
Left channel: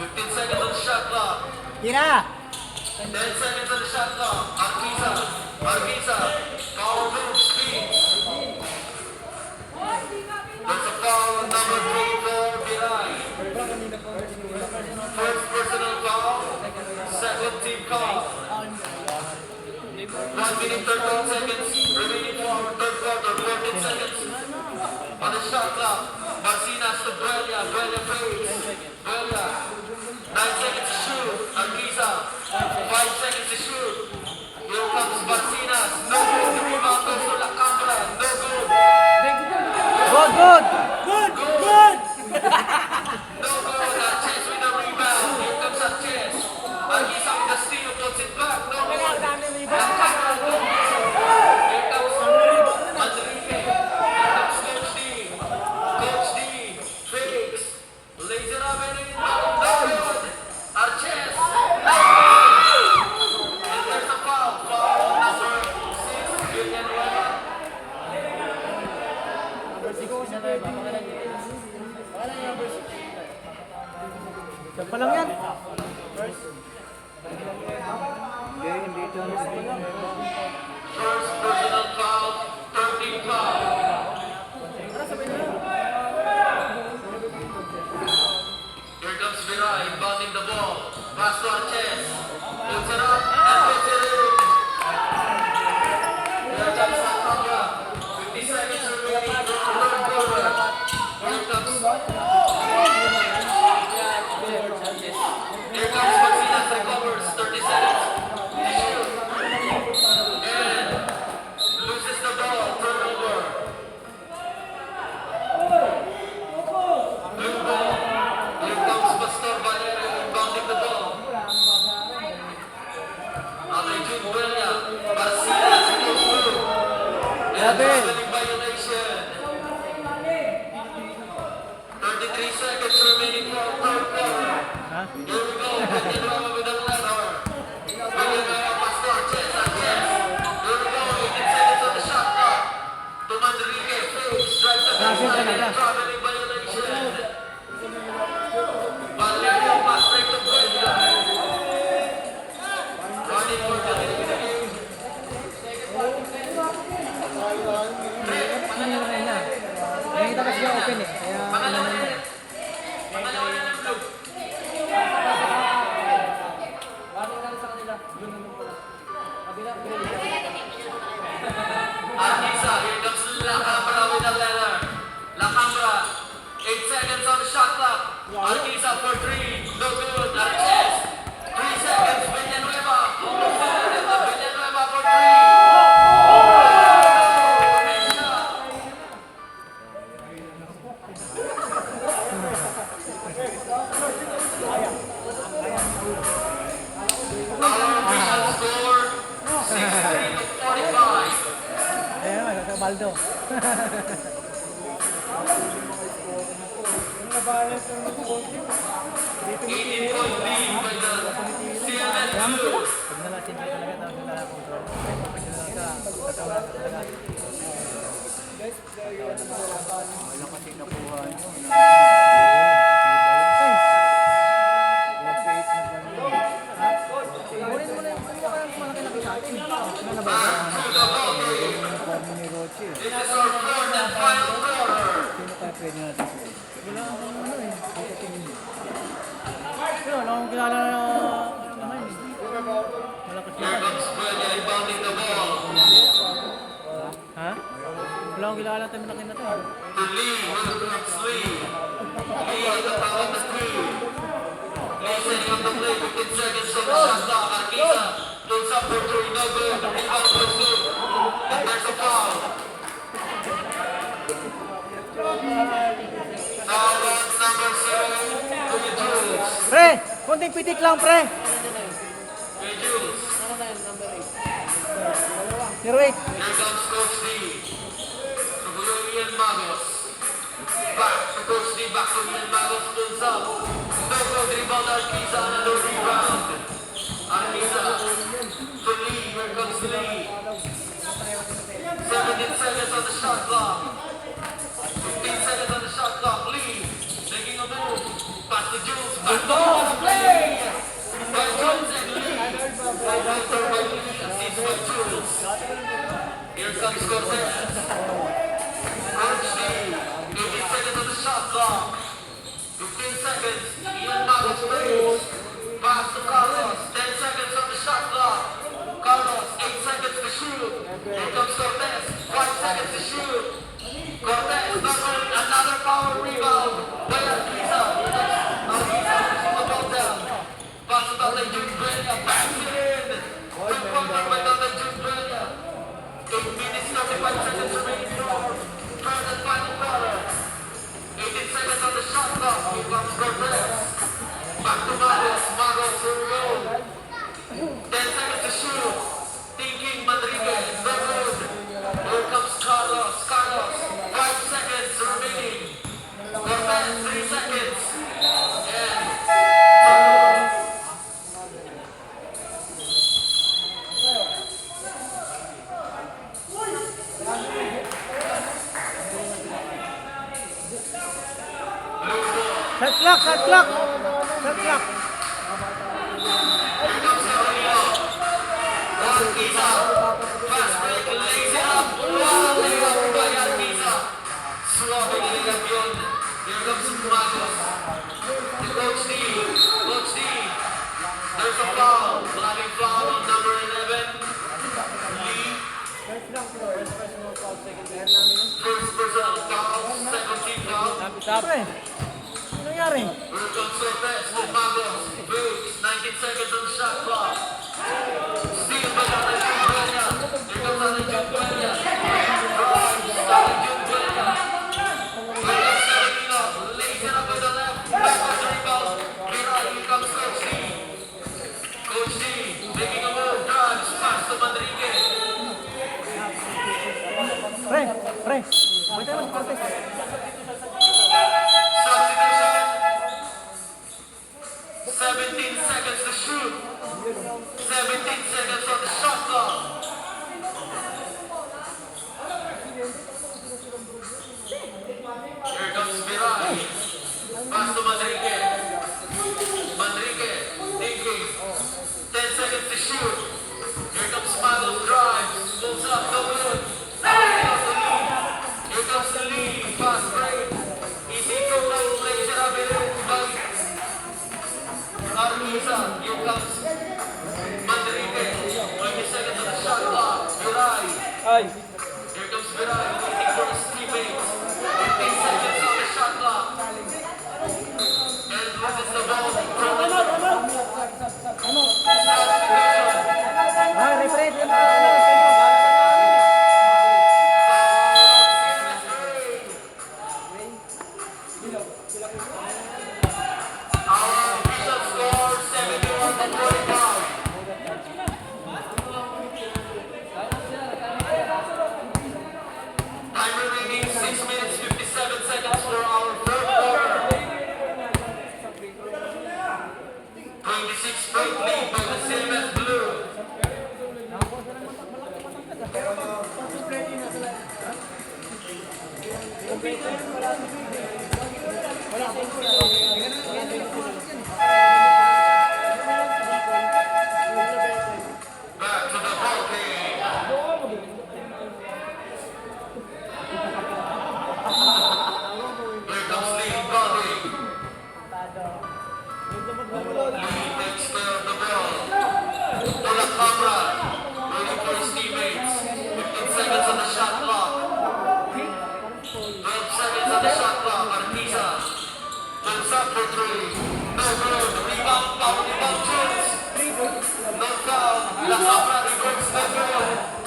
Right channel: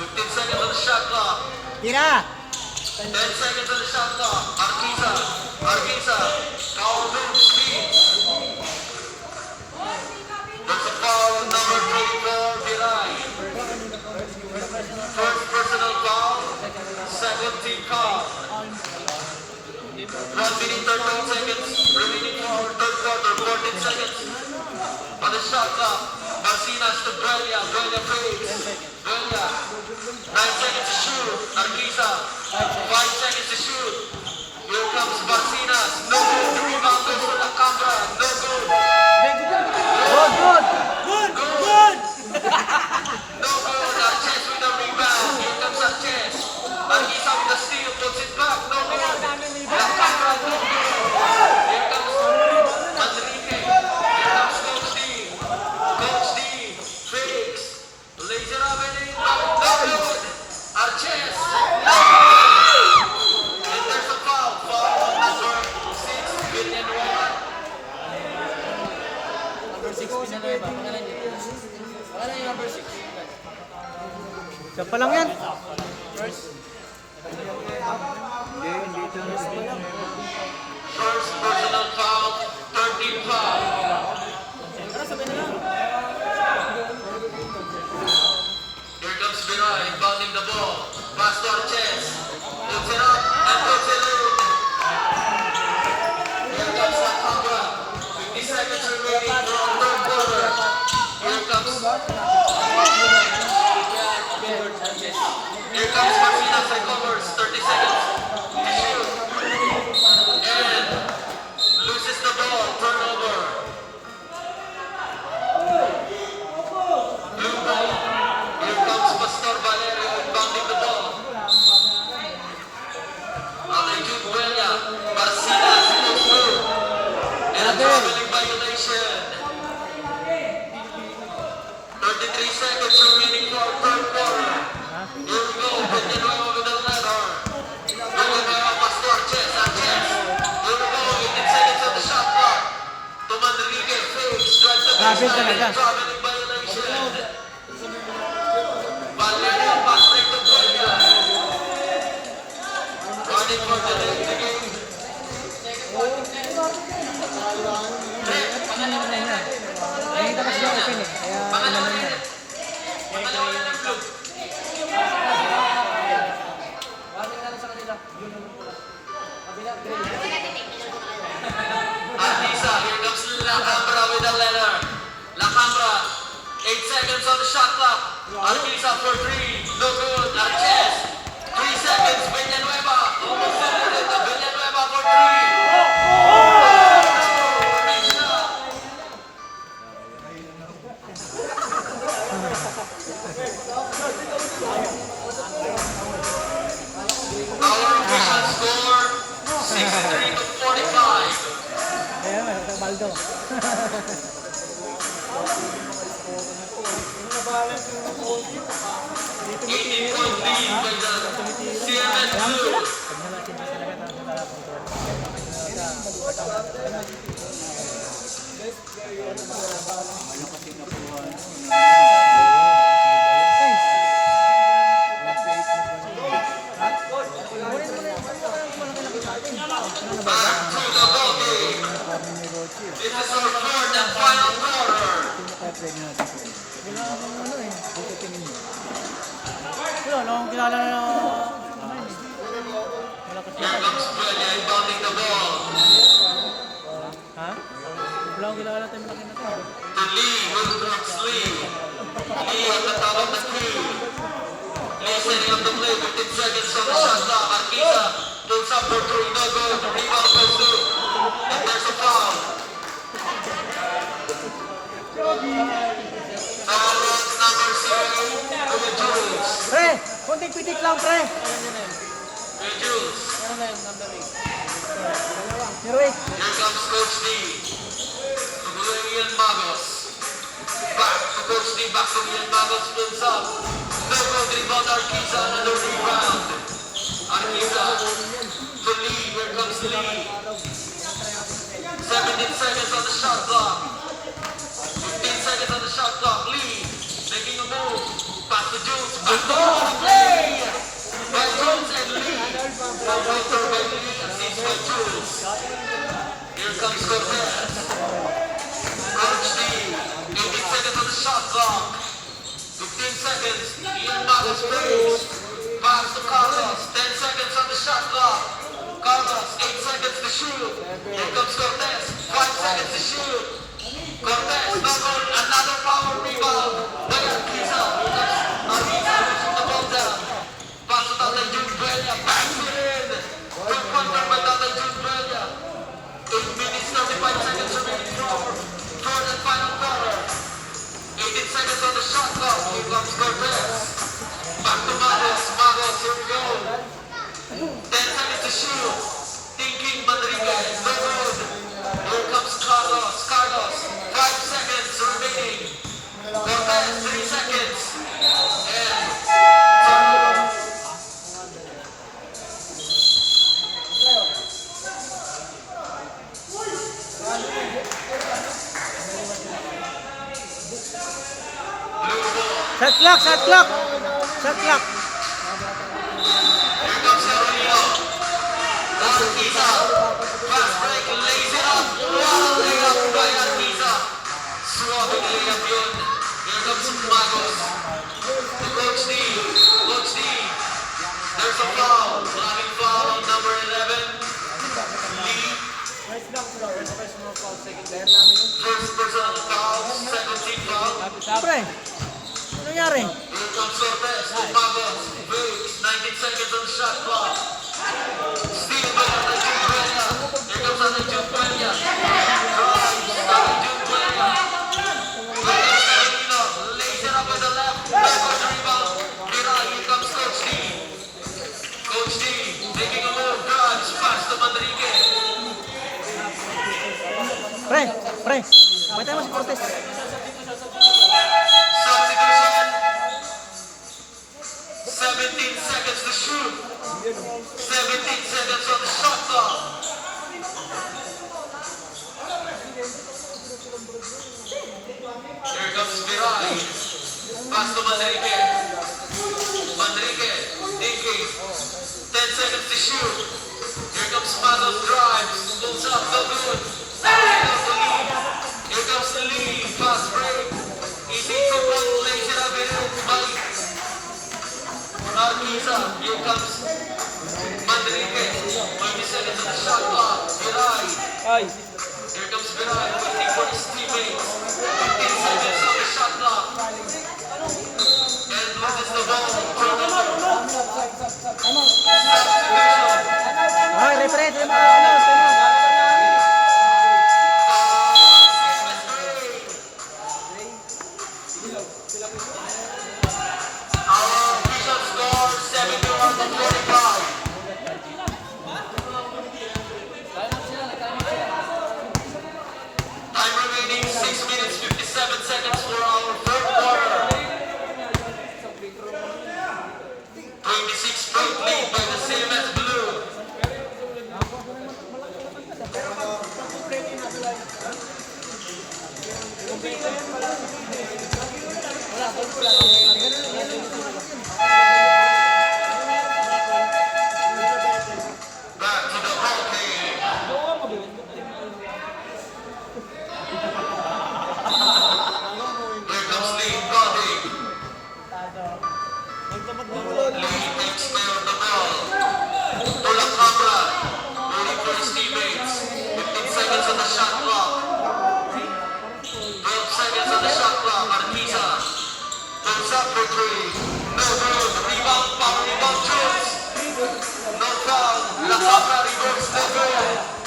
15 seconds on the shot clock. Tira! 10 seconds on the shot clock. Arquiza. Arquiza. Foul move, speed. There's a foul on number 24, Bilal. First personal foul. Second team foul. 1 minute 13 seconds remaining for our third quarter. 14 seconds on the shot clock. Marcinas to Buella. Buella fades. Buella. 9 seconds to shoot. Arquiza. 5 seconds to shoot. Here comes Marcinas. No good. The rebound goes to La Cambra. No good. Good! Good! Good! No good. Arches with the rebound. Here comes Arches. Arquiza with the steal. Puts it back. No good. La Cambra. No good. Here comes Manrique. Here comes Coach D. Coach D. Fakes. Lays it up and in. No good. Arches. There's a foul. Foul on number 6. Villanueva. Number 6 Villanueva. Pangalan niya. Pangalan niya number 6. Siya pa lang yan. First. First personal foul. 13 foul. Here comes Vera inbounding the ball. Pass to Arches. Puts it up and puts it in. Here comes La Cambra. 50 seconds remaining for our third quarter. Here comes Martinez recovers. 30 seconds. And loses the ball. Turnover. Blue ball. Here comes Pastor Valerio inbounding the ball. Jude Buella. Marcinas goes through. And traveling violation. 33 seconds remaining for our third quarter. Here we go. Villanueva with the leather. Villanueva pass to Arches. Arches. Here we go. 15 seconds on the shot clock. To Manrique. Fakes. Drives the baseline. Traveling violation. Valerio pass straight to Buella. Running for the lead of the game. Ano naman niya? Nakita kasi siya open eh. Kaya inano niya. Arquiza, here comes La Cambra with the leather. La Cambra, 8 seconds on the shot clock. Arquiza for 3, no good. Arches, 3 seconds. Villanueva, almost there. Villanueva for 3. Our official score, 63 to 45. Ayan, sa Baldo. 18-point lead by the CMS2. Pag nalasin siya talaga, tapos siya talaga control. Pag nalasin sa katawan siya talaga. Kunin mo na yung malaki-laki sa sa atin. Ano na ba ba? Uniforme ni Rochi. This is our fourth and final quarter. Sino kaya pwede natin po? Wala akong ano eh. Buti tingin mo. Wala akong kilala na... Malakas Here kilala. comes Australia inbounding the ball. Ha? Wala akong kilala tayo laki na to. To Lee, Wilcox Lee. Lee on the top of the key. Lee setting up the play, 15 seconds on the shot clock. Arkita puts up for two, no good. Rebound goes to. And there's a foul. Foul on number 0, Jules. Pre! Konting pitik lang, pre! Jules. Heroic! Here comes Coach D. To Julian Magos. Back to Coach D, back to Julian Magos, pulls up. No good, rebound Arkita, another rebound. Arkita to Lee, here comes Lee. 17 seconds on the shot clock. 15 seconds on the shot clock. Lee making a move. Pass to Jules. Back to Lee. Well, Jules and Lee. Seats by Jules. Here comes Cortez. Coach D. 18 seconds on the shot clock. 15 seconds. Ian Magos plays. Pass to Carlos. 10 seconds on the shot clock. Carlos, 8 seconds to shoot. Here comes Cortez. 5 seconds to shoot. Cortez, another power rebound. By Arkita. Arkita pushing the ball down. Pass it out to Jude Bella. Backs it in. Quick punter by Tatay Jude Bella. 8 minutes, 35 seconds remaining for third and final quarter. 18 seconds on the shot clock. Here comes Cortez. Back to Magos. Magos, here we go. 10 seconds to shoot. Thinking Madrigal. No good. Here comes Carlos. Carlos. 5 seconds remaining. Cortez, 3 seconds. And Shot clock! Shot clock! Shot clock! here comes Evelino. Arkita. Fast break. Lays it up. Wow, layup by Arkita. Swabbing layup yun. Here comes Magos. To Coach D. Coach D. There's a foul. Maraming foul on number 11. Lee. First personal foul. Second team foul. Pre! Ano nangyari? Here comes Cortez to Magos. Breaks. 19 seconds on the shot clock. Steal by Tatay Jude Bella. Here comes Tatay Jude Bella. Tatay Jude Bella. Cortez Evelino. Lays it up with the left. Back on the rebound. Here comes Coach D. Coach D making a move. Drives. Pass to Madrigal. Pre! Pre! Matay mo si Cortez. Substitution. 17 seconds to shoot. 17 seconds on the shot clock. Here comes Virali. Pass to Manrique. Manrique thinking. 10 seconds to shoot. Here comes Magos drives. Pulls up the good. Here comes the lead. Fast break. Easy to go. Lays it up and in. Arkita. Here comes Manrique. 20 seconds on the shot clock. Virali. Ay! Here comes Virali waiting for his teammates. 15 seconds on the shot clock. And loses the ball. Ay, referee! Our official score 71-45. Time remaining 6 minutes 57 seconds for our third quarter. 26-point lead. seconds on the shot clock. 12 seconds on the shot clock. Artisa jumps up for three. No good. Rebound, power rebound, Jones. No foul. La Cabra reverse, no good.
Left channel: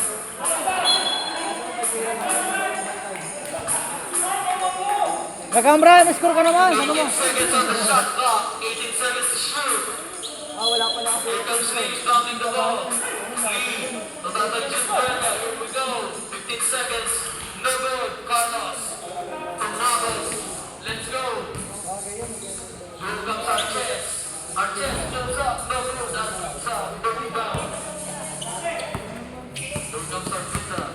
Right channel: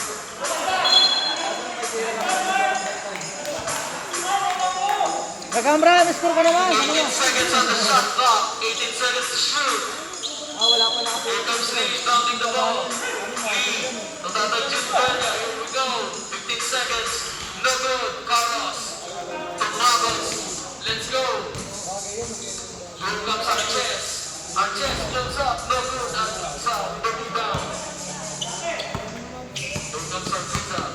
Kamra, score ka naman. 18 seconds on the shot clock. 18 seconds to shoot. Wala pa na kasi. Here comes Steve dumping the ball. Lee, natatadjust Bella. Here we go. 15 seconds. No good. Carlos. To Ramos. Let's go. Here comes Arches. Arches jumps up. No good. That's the rebound. Here comes Arteta.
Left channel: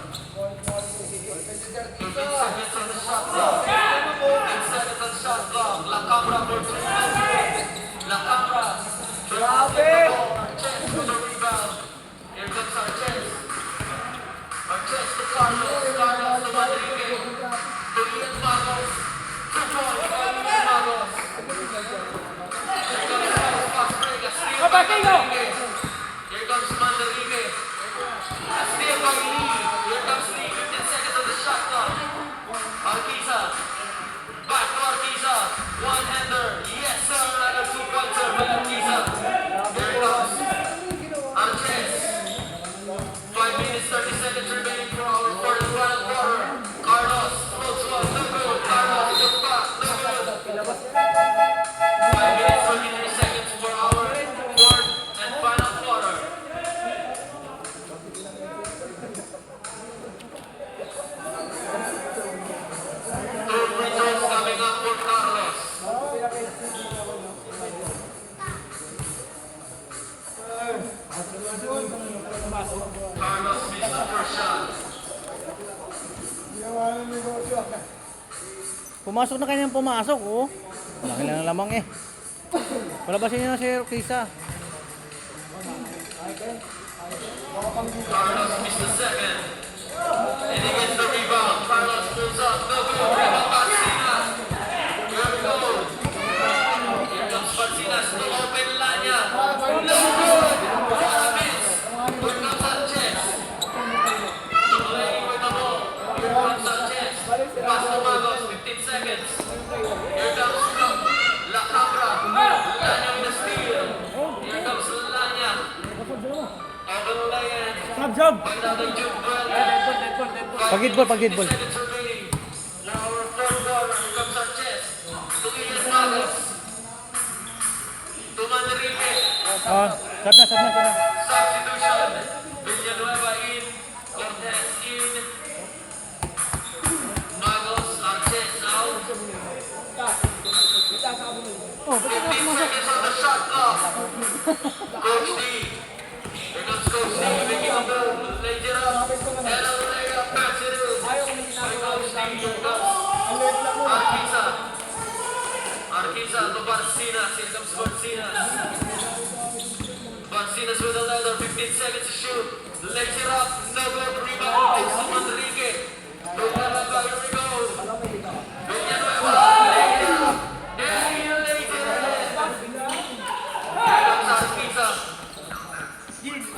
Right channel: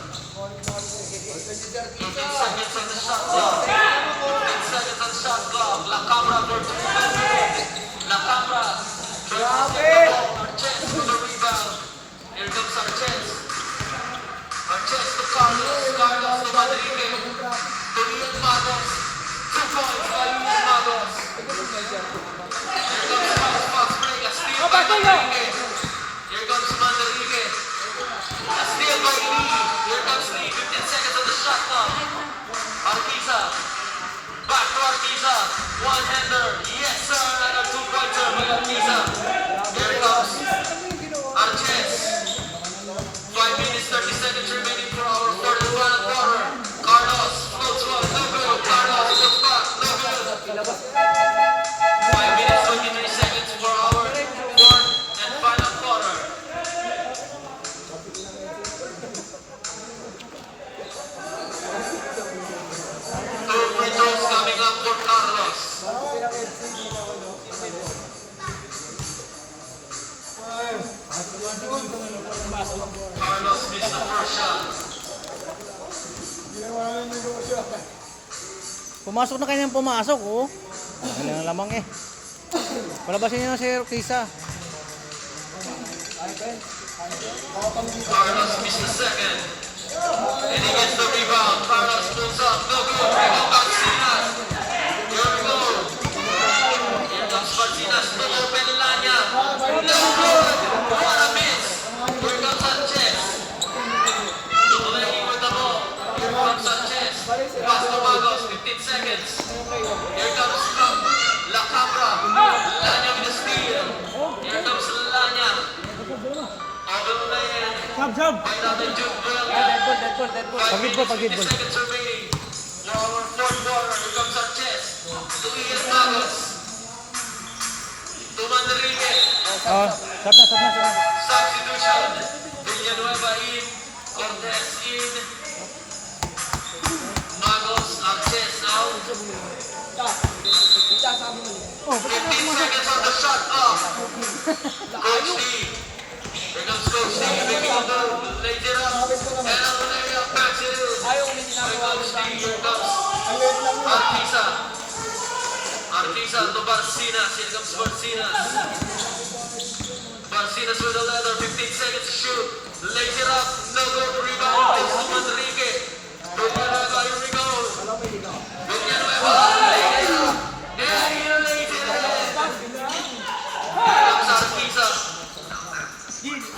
15 seconds on the shot clock. 15 seconds on the shot clock. La Cabra for 2. La Cabra. Grabe! Arches with the rebound. Here comes Arches. Arches to Carlos. Carlos to Rodriguez. To Ian Magos. 2 points by Ian Magos. Here comes Fox Vegas. Steve Rodriguez. Here comes Rodriguez. Steve Rodriguez. Here comes Steve. 15 seconds on the shot clock. Arquiza. Back to Arquiza. One-hander. Yes, sir. Another 2-pointer by Arquiza. Here it comes. Arches. 5 minutes, 30 seconds remaining for the final quarter. Carlos. Floats up. No good. Carlos. Puts back. No good. 5 minutes, 33 seconds for our fourth and final quarter. Two free throws coming up for Carlos. Carlos missed the first shot. Pumasok na kanyang pumasok, oh. Wala na lamang eh. Palabasin niya na si Kisa. Carlos missed the second. And he gets the rebound. Carlos pulls up. No good. Rebound Barcinas. Here we go. Here comes Barcinas to open Lanya. No good. What a miss. Here comes Sanchez. Playing with the ball. Here comes Sanchez. Pass to Magos. 15 seconds. Here comes Trump. La Cabra. Lanya with the steal. Here comes Lanya. Overlaid. Sab! By Dr. Jude Bell. Pagidbol, pagidbol. 5 seconds remaining. For our fourth quarter, here comes Sanchez. To Ian Magos. To Manrique. Sab na. Substitution. Villanueva in. Cortez in. Magos. Sanchez out. Oh, ba't ka 15 pumasok? seconds on the shot clock. Coach D. Here comes Coach D. Making a move. Lays it up. And on the area. Backs it in. Here Coach D. Here comes Arquiza. Arquiza to Barcinas. Here comes Barcinas. Barcinas with a leather. 15 seconds to shoot. Lays it up. No good. Rebound. Takes to Manrique. Villanueva. Here we go. Villanueva. Lays it up. And he lays it in. Here comes Arquiza.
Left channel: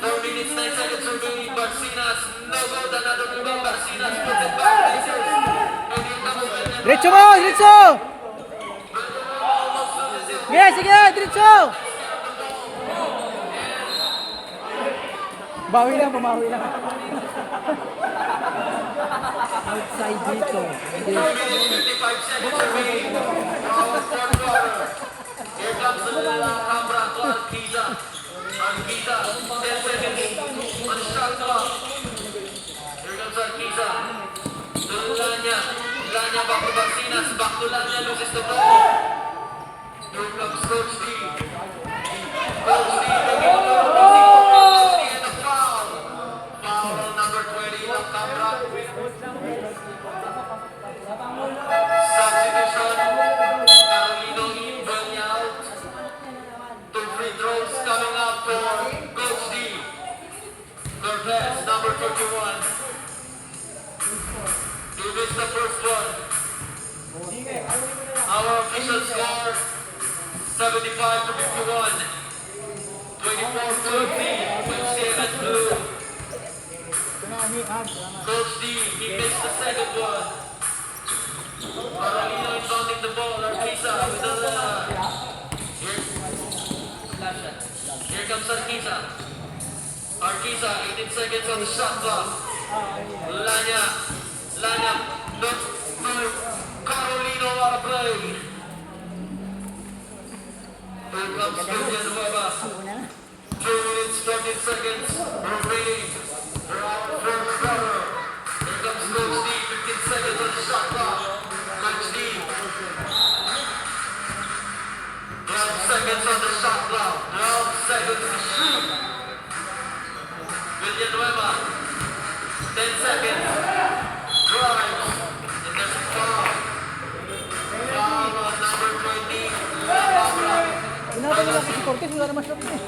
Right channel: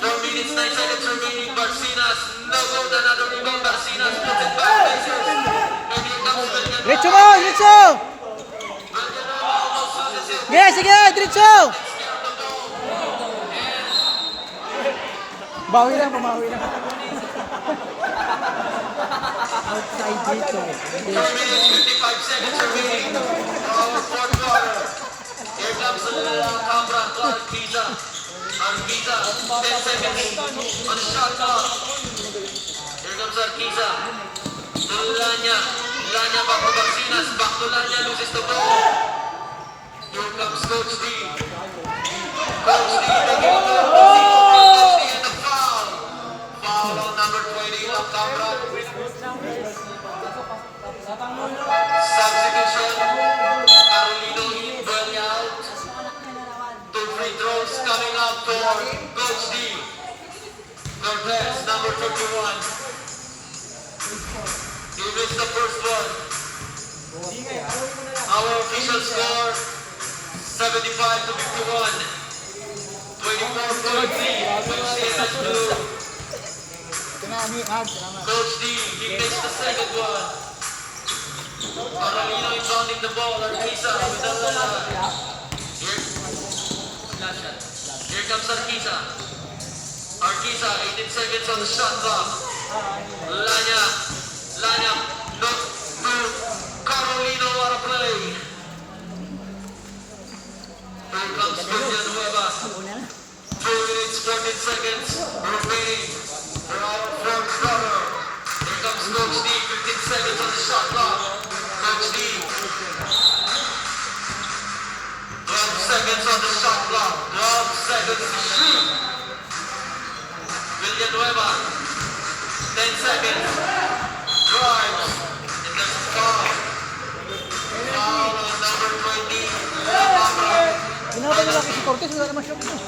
4 minutes, 9 seconds remaining. Barcinas. No good. Another rebound. Barcinas puts it back. And here comes Villanueva. Diretso mo! Diretso! Yeah, sige! Diretso! Bawi lang, pumawi lang. Outside dito. 4 minutes, 55 seconds remaining for our fourth quarter. Here comes La Cabra to Arquiza. Arquiza, 10 seconds on the shot clock. Here comes Arquiza. To Lanya. Lanya back to Barcinas. Back to Lanya, loses the ball. Here comes Coach D. Coach D making a move. Coach D and a foul. Foul on number 20, La Cabra. Substitution. Carolino Ibarra out. 2 free throws coming up for Coach D. Cortez, number 51. He missed the first one. Our official score, 75 to 51. 24-43, Wayne State High School. Coach D, he takes the second one. Carolino inbounding the ball. Arquiza with the Here comes Arquiza. Arquiza, 18 seconds on the shot clock. Lanya, not good. Carolino, what a play. Here comes Villanueva. 2 minutes, 14 seconds remaining. We're out from cover. Here comes Coach D, 15 seconds on the shot clock. Coach D. 12 seconds on the shot clock. 12 seconds to shoot. Villanueva. 10 seconds. Drive. It doesn't fall. Foul on number 20. Ginawa nila ko si Cortez, wala naman shot niya.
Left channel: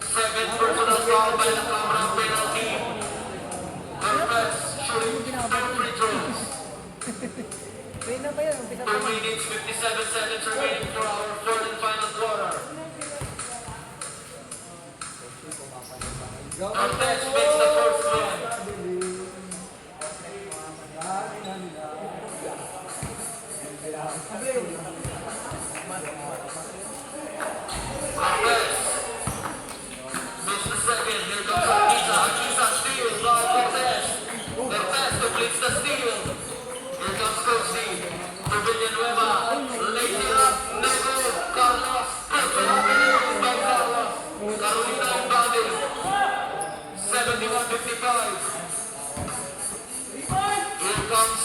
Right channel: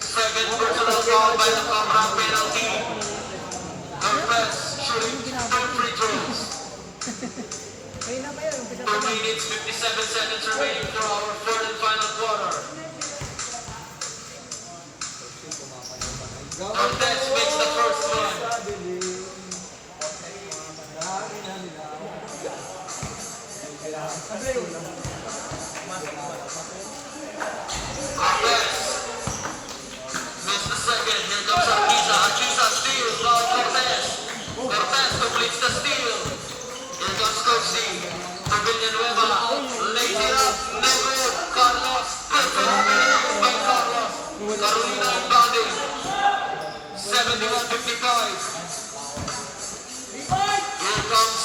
Second personal foul by the Cobra, penalty. Cortez shooting 2 free throws. 2 minutes, 57 seconds remaining for our third and final quarter. Cortez makes the first win. Cortez missed the second. Here comes Arquiza. Arquiza steals. Now Cortez. Cortez completes the steal. Here comes Coach D. For Villanueva. Lays it up. No good. Carlos. Perfect by Carlos. Carolina inbounding. 71-55. Here comes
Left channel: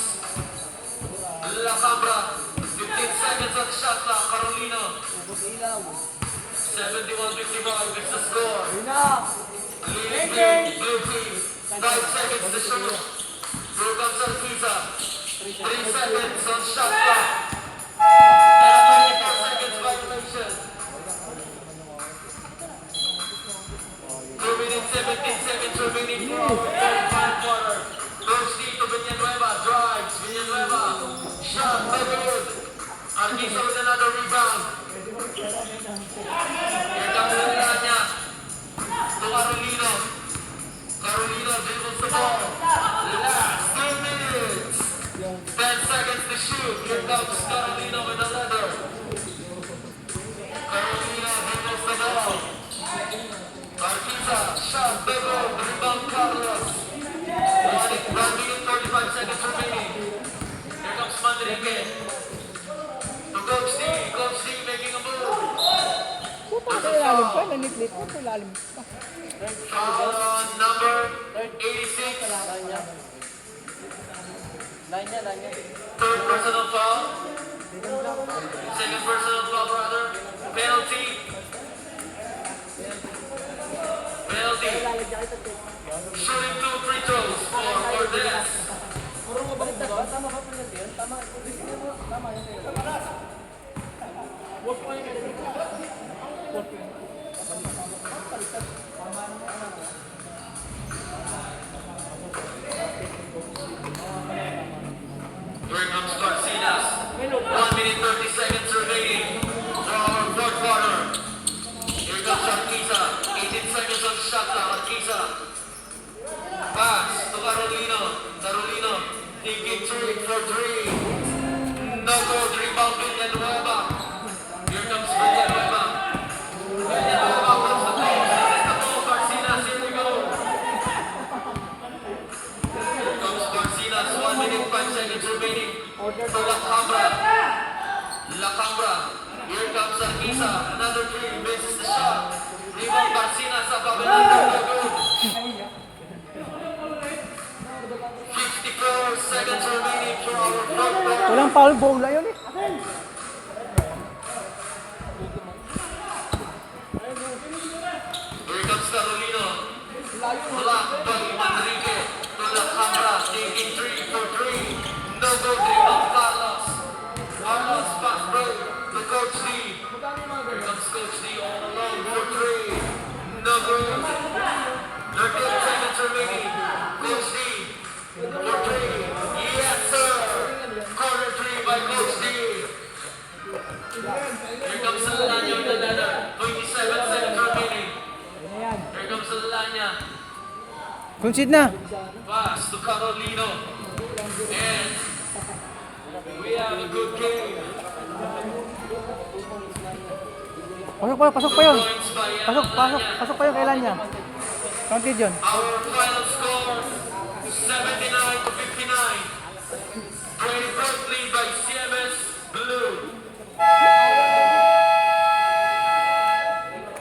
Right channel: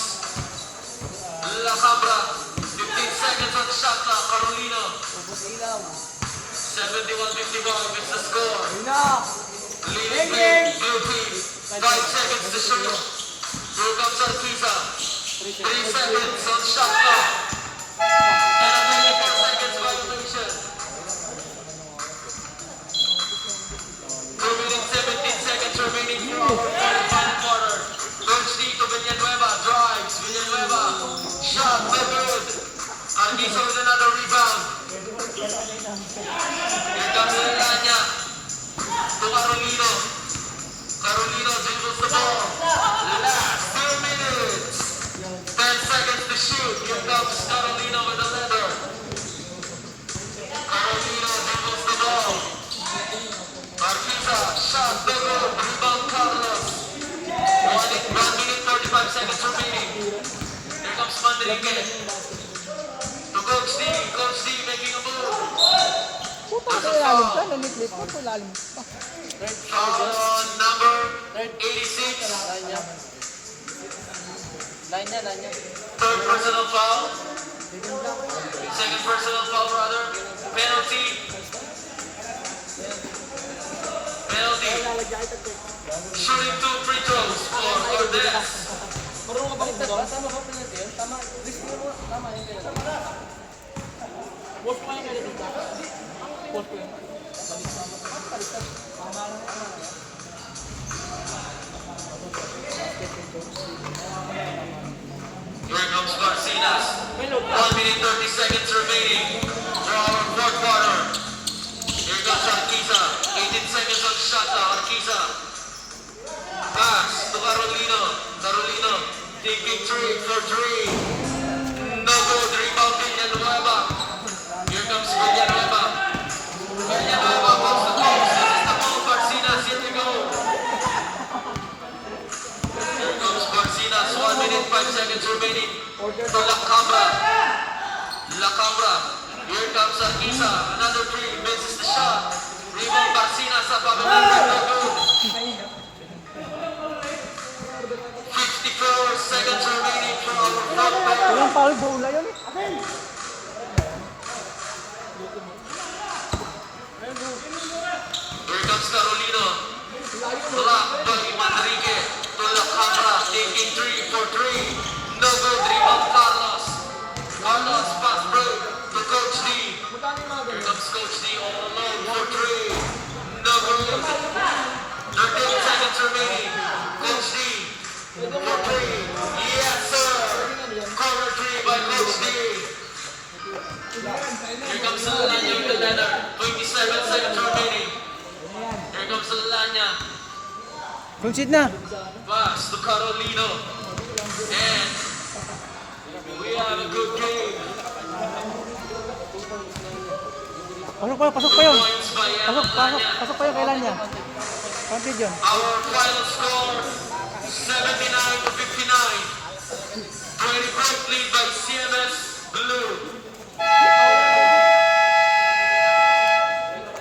La Sabra. 15 seconds on the shot clock. Carolina. 71-51 is the score. Leading guilty. 5 seconds to shoot. Here comes Arquiza. 3 seconds on shot clock. And 24 seconds violation. 2 minutes, 17 seconds remaining for our third and final quarter. Coach D to Villanueva. Drives. Villanueva. Shot. No good. Arquiza with another rebound. Here comes Lanya to Carolino. Carolino dribbles the ball. Last 2 minutes. 10 seconds to shoot. Here comes Carolino with the leather. Carolino dribbles the ball. Arquiza, shot, the goal, rebound Carlos. 1 minute, 35 seconds remaining. Here comes Manrique. To Coach D. Coach D making a move. Puta, sa ilalim ka, naniklit mo, sa ilalim ka. Foul on number 86. Third personal foul. Second personal foul, brother. Penalty. Shooting 2 free throws for Cortez. Here comes Garcinas. 1 minute 30 seconds remaining for our fourth quarter. Here comes Arquiza. 18 seconds on the shot clock. Arquiza. Pass to Carolino. Carolino taking 3 for 3. No good. Rebound Villanueva. Here comes Villanueva. Villanueva wants the ball. This is the ball. Garcinas. Here we go. Here comes Garcinas. 1 minute 5 seconds remaining for La Cabra. La Cabra. Here comes Arquiza. Another 3. Misses the shot. Rebound Garcinas sa pababa. 54 seconds remaining for our fourth quarter. Walang foul, bola yun eh. Here comes Carolino. Blocked by Manrique. To La Cabra. Taking 3 for 3. No good. Rebound Carlos. Carlos pass break to Coach D. Here comes Coach D all alone for 3. No good. 13 seconds remaining. Coach D for 3. Yes, sir. Corner 3 by Coach D. Here comes Lanya with the leather. 27 seconds remaining. Here comes Lanya. Concede na. Pass to Carolino. And we have a good game. Pasok pa yun. Pasok pa yun kailan niya. Counted yun. Our final score 79 to 59. Grady Park lead by CMS Blue.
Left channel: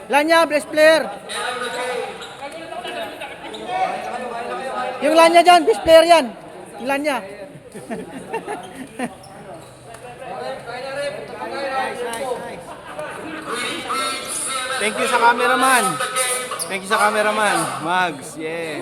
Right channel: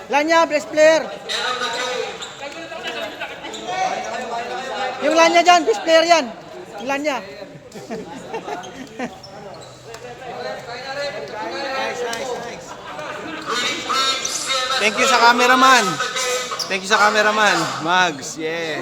Lanya, best player. Yung Lanya dyan, best player yan. Yung Lanya. Thank you sa cameraman. Thank you sa cameraman. Mags, yeah.